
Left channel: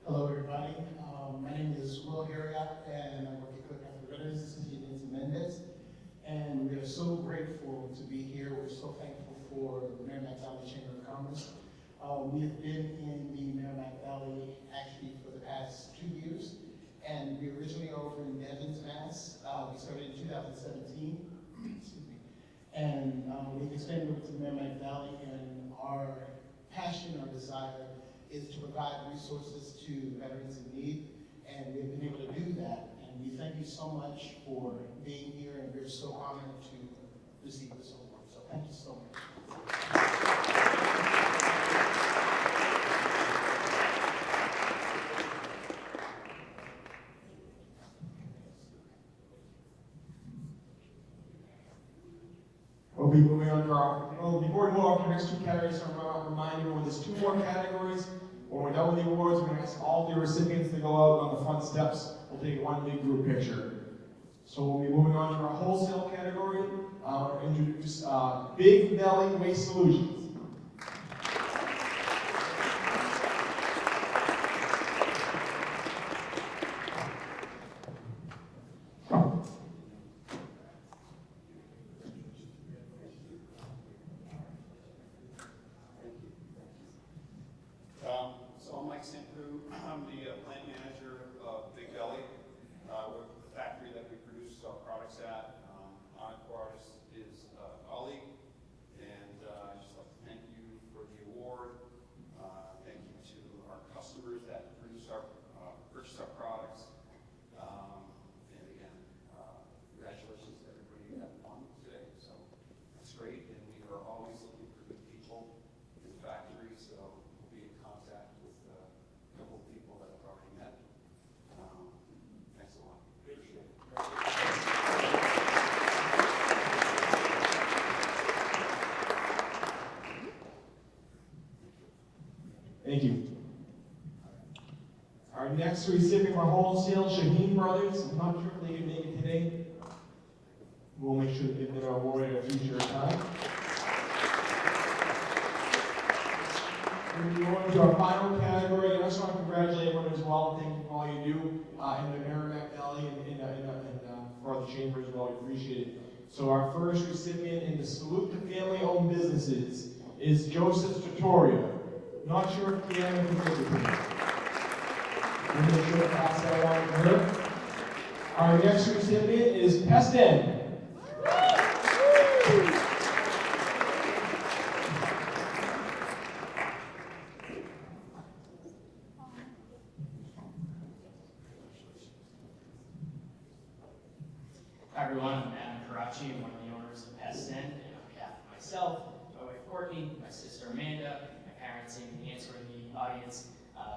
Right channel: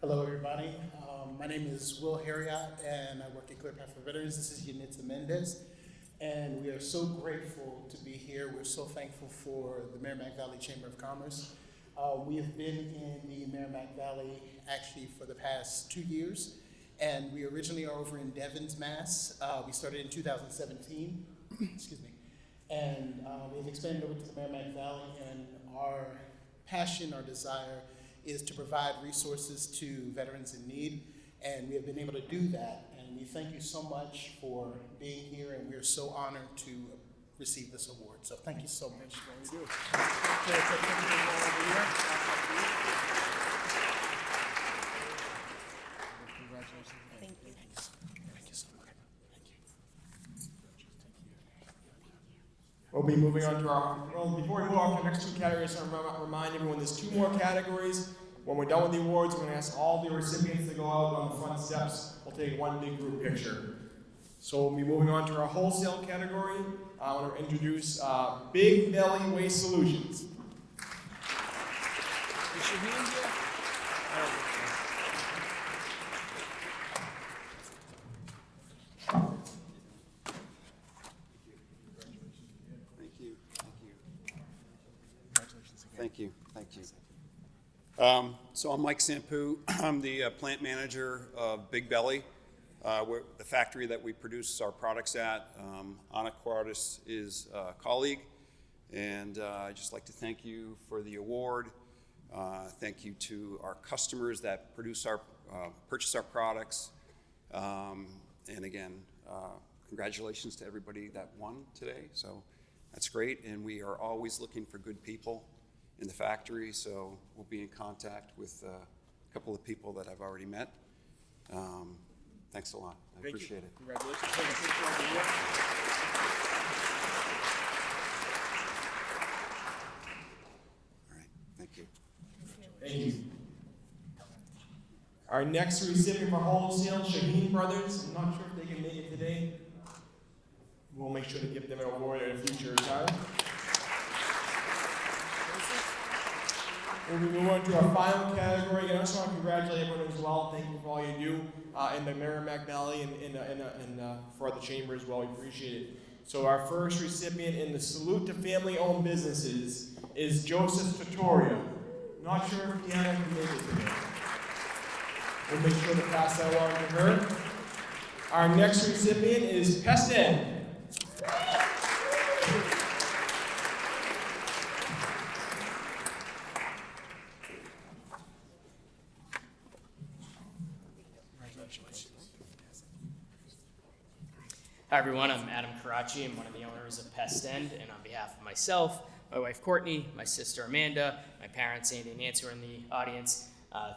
Hello, everybody. My name is Will Harriott, and I work at Clear Path for Veterans. This is Yanitza Mendez, and we are so grateful to be here. We're so thankful for the Merrimack Valley Chamber of Commerce. We have been in the Merrimack Valley actually for the past 2 years, and we originally are over in Devens, Mass. We started in 2017, excuse me, and we've expanded over to the Merrimack Valley, and our passion, our desire is to provide resources to veterans in need, and we have been able to do that. And we thank you so much for being here, and we're so honored to receive this award. So thank you so much. We'll be moving on to our, before we move on to the next two categories, I'm going to remind everyone there's 2 more categories. When we're done with the awards, we're going to ask all the recipients to go out on the front steps. We'll take one big group picture. So we'll be moving on to our wholesale category. We'll introduce Big Belly Waste Solutions. Thank you. So I'm Mike Sampu. I'm the plant manager of Big Belly, the factory that we produce our products at. Anna Quartis is a colleague, and I'd just like to thank you for the award. Thank you to our customers that purchase our products. And again, congratulations to everybody that won today. So that's great, and we are always looking for good people in the factory, so we'll be in contact with a couple of people that I've already met. Thanks a lot. I appreciate it. Congratulations. Thank you. Thank you. Our next recipient for wholesale, Shaheen Brothers. I'm not sure if they get it today. We'll make sure to give them an award at a future time. And we move on to our final category. I just want to congratulate everyone as well. Thank you for all you do in the Merrimack Valley and for the chamber as well. We appreciate it. So our first recipient in the Salute to Family-Owned Businesses is Joseph Tutorial. Not sure if you have we'll make sure to pass that along to her. Our next recipient is Peston. Hi everyone, I'm Adam Karachi. I'm one of the owners of Pest End, and on behalf of myself, my wife Courtney, my sister Amanda, my parents Andy and Nancy are in the audience,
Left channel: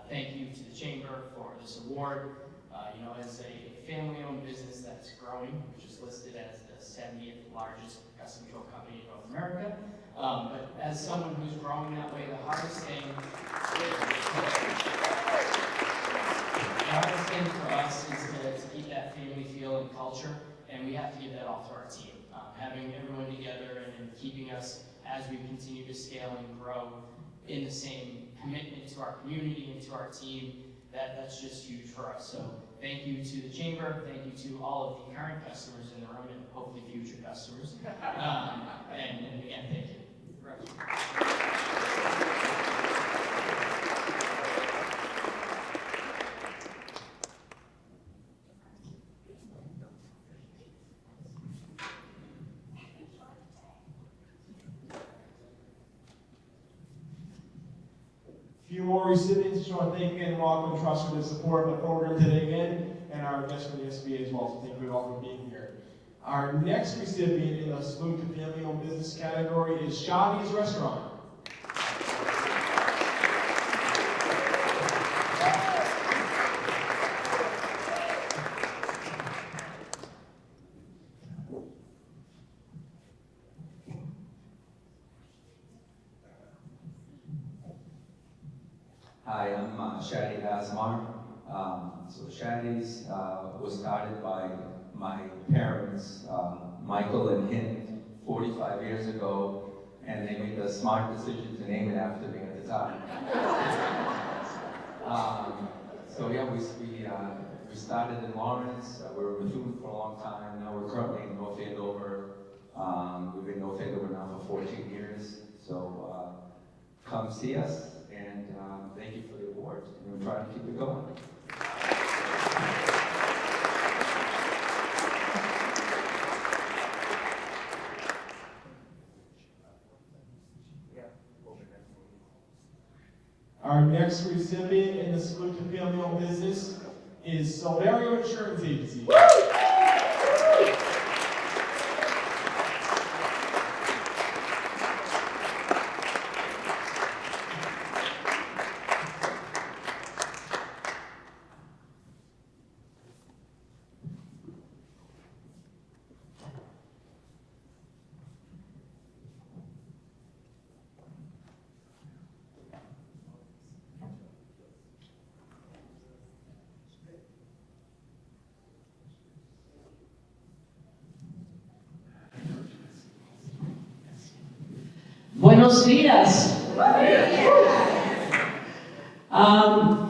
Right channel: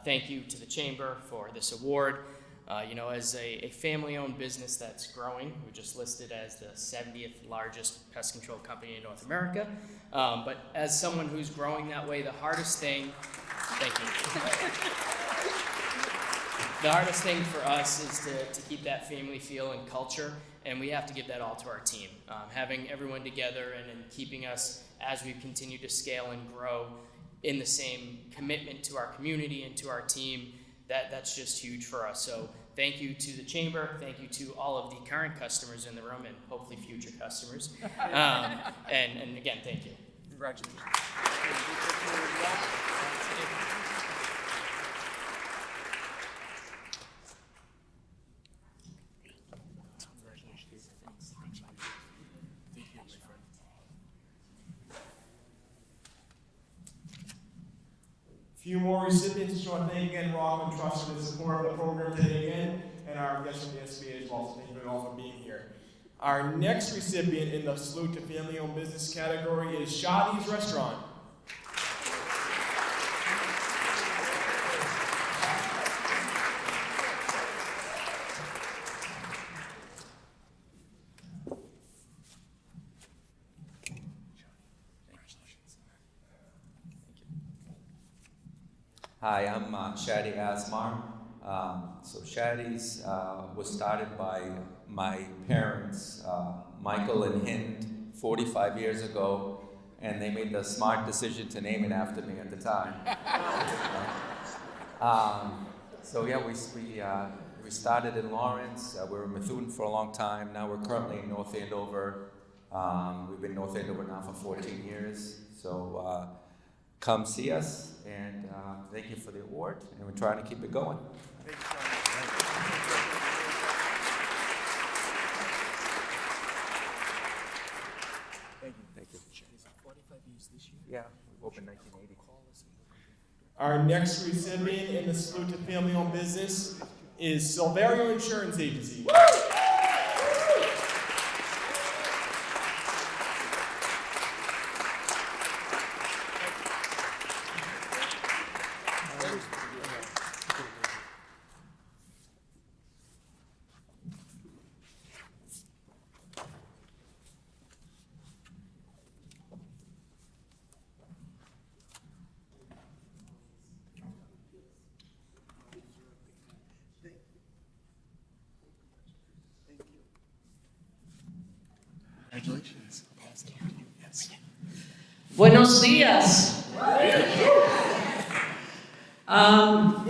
thank you to the Chamber for this award. As a family-owned business that's growing, we're just listed as the 70th largest pest control company in North America. But as someone who's growing that way, the hardest thing for us is to keep that family feel and culture, and we have to give that all to our team. Having everyone together and keeping us, as we continue to scale and grow, in the same commitment to our community and to our team, that's just huge for us. So thank you to the Chamber, thank you to all of the current customers in the room and hopefully future customers. And again, thank you. Congratulations. Few more recipients. Just want to thank again Rockland Trust for the support of the program today again, and our guests from the SBA as well. So thank you all for being here. Our next recipient in the Salute to Family-Owned Business category is Shawnee's Restaurant. Hi, I'm Shadi Asmar. So Shadi's was started by my parents, Michael and Hind, 45 years ago, and they made the smart decision to name it after me at the time. So yeah, we started in Lawrence. We were in Bethune for a long time. Now we're currently in North Andover. We've been in North Andover now for 14 years. So come see us. And thank you for the award, and we're trying to keep it going. Yeah, open 1980. Our next recipient in the Salute to Family-Owned Business is Silverio Insurance Agency. Buenos dias.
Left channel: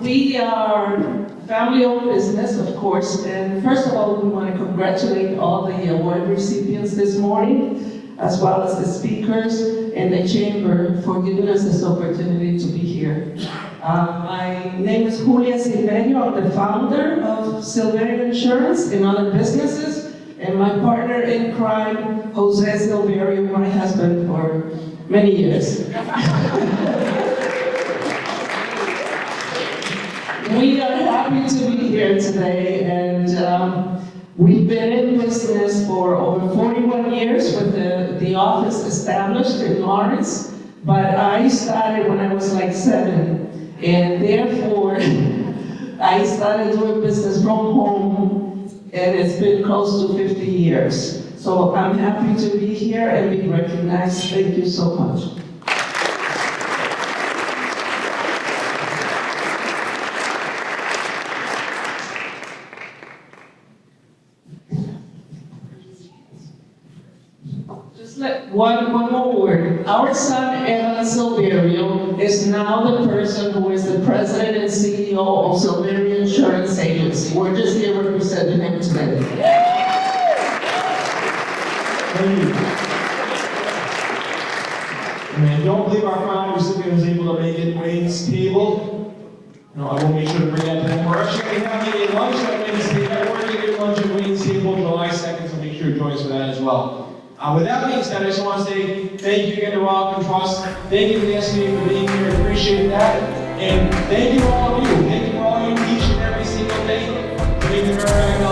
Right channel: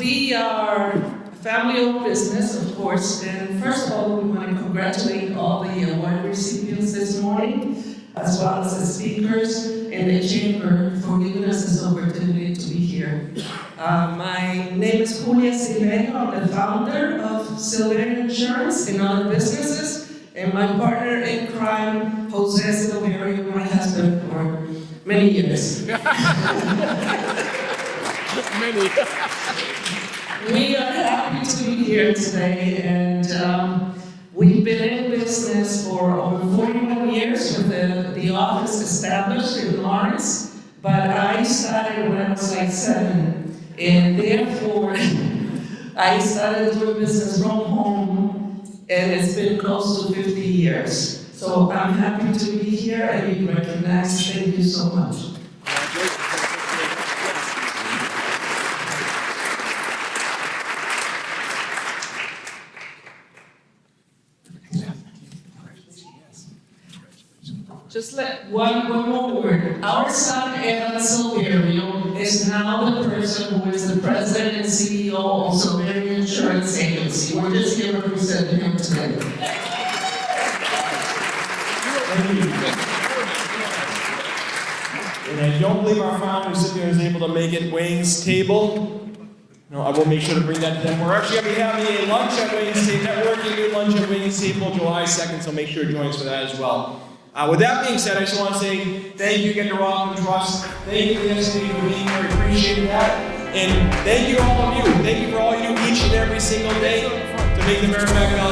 We are a family-owned business, of course, and first of all, we want to congratulate all the award recipients this morning, as well as the speakers and the Chamber for giving us this opportunity to be here. My name is Julia Silverio. I'm the founder of Silverio Insurance and other businesses, and my partner in crime, Jose Silverio, my husband for many years. We are happy to be here today, and we've been in business for over 41 years with the office established in Lawrence, but I started when I was like 7, and therefore I started doing business from home, and it's been close to 50 years. So I'm happy to be here and be recognized. Thank you so much. Just one more word. Our son, Evan Silverio, is now the person who is the president and CEO of Silverio Insurance Agency. We're just here representing him today. And I don't believe our founder was able to make it Wayne's table. No, I will make sure to bring that to them. We're actually going to have a lunch at Wayne's table. We're going to do lunch at Wayne's table July 2nd, so make sure you join us for that as well. With that being said, I just want to say thank you again to Rockland Trust. Thank you, SBA, for being here. Appreciate that. And thank you to all of you. Thank you for all you each and every single day to make America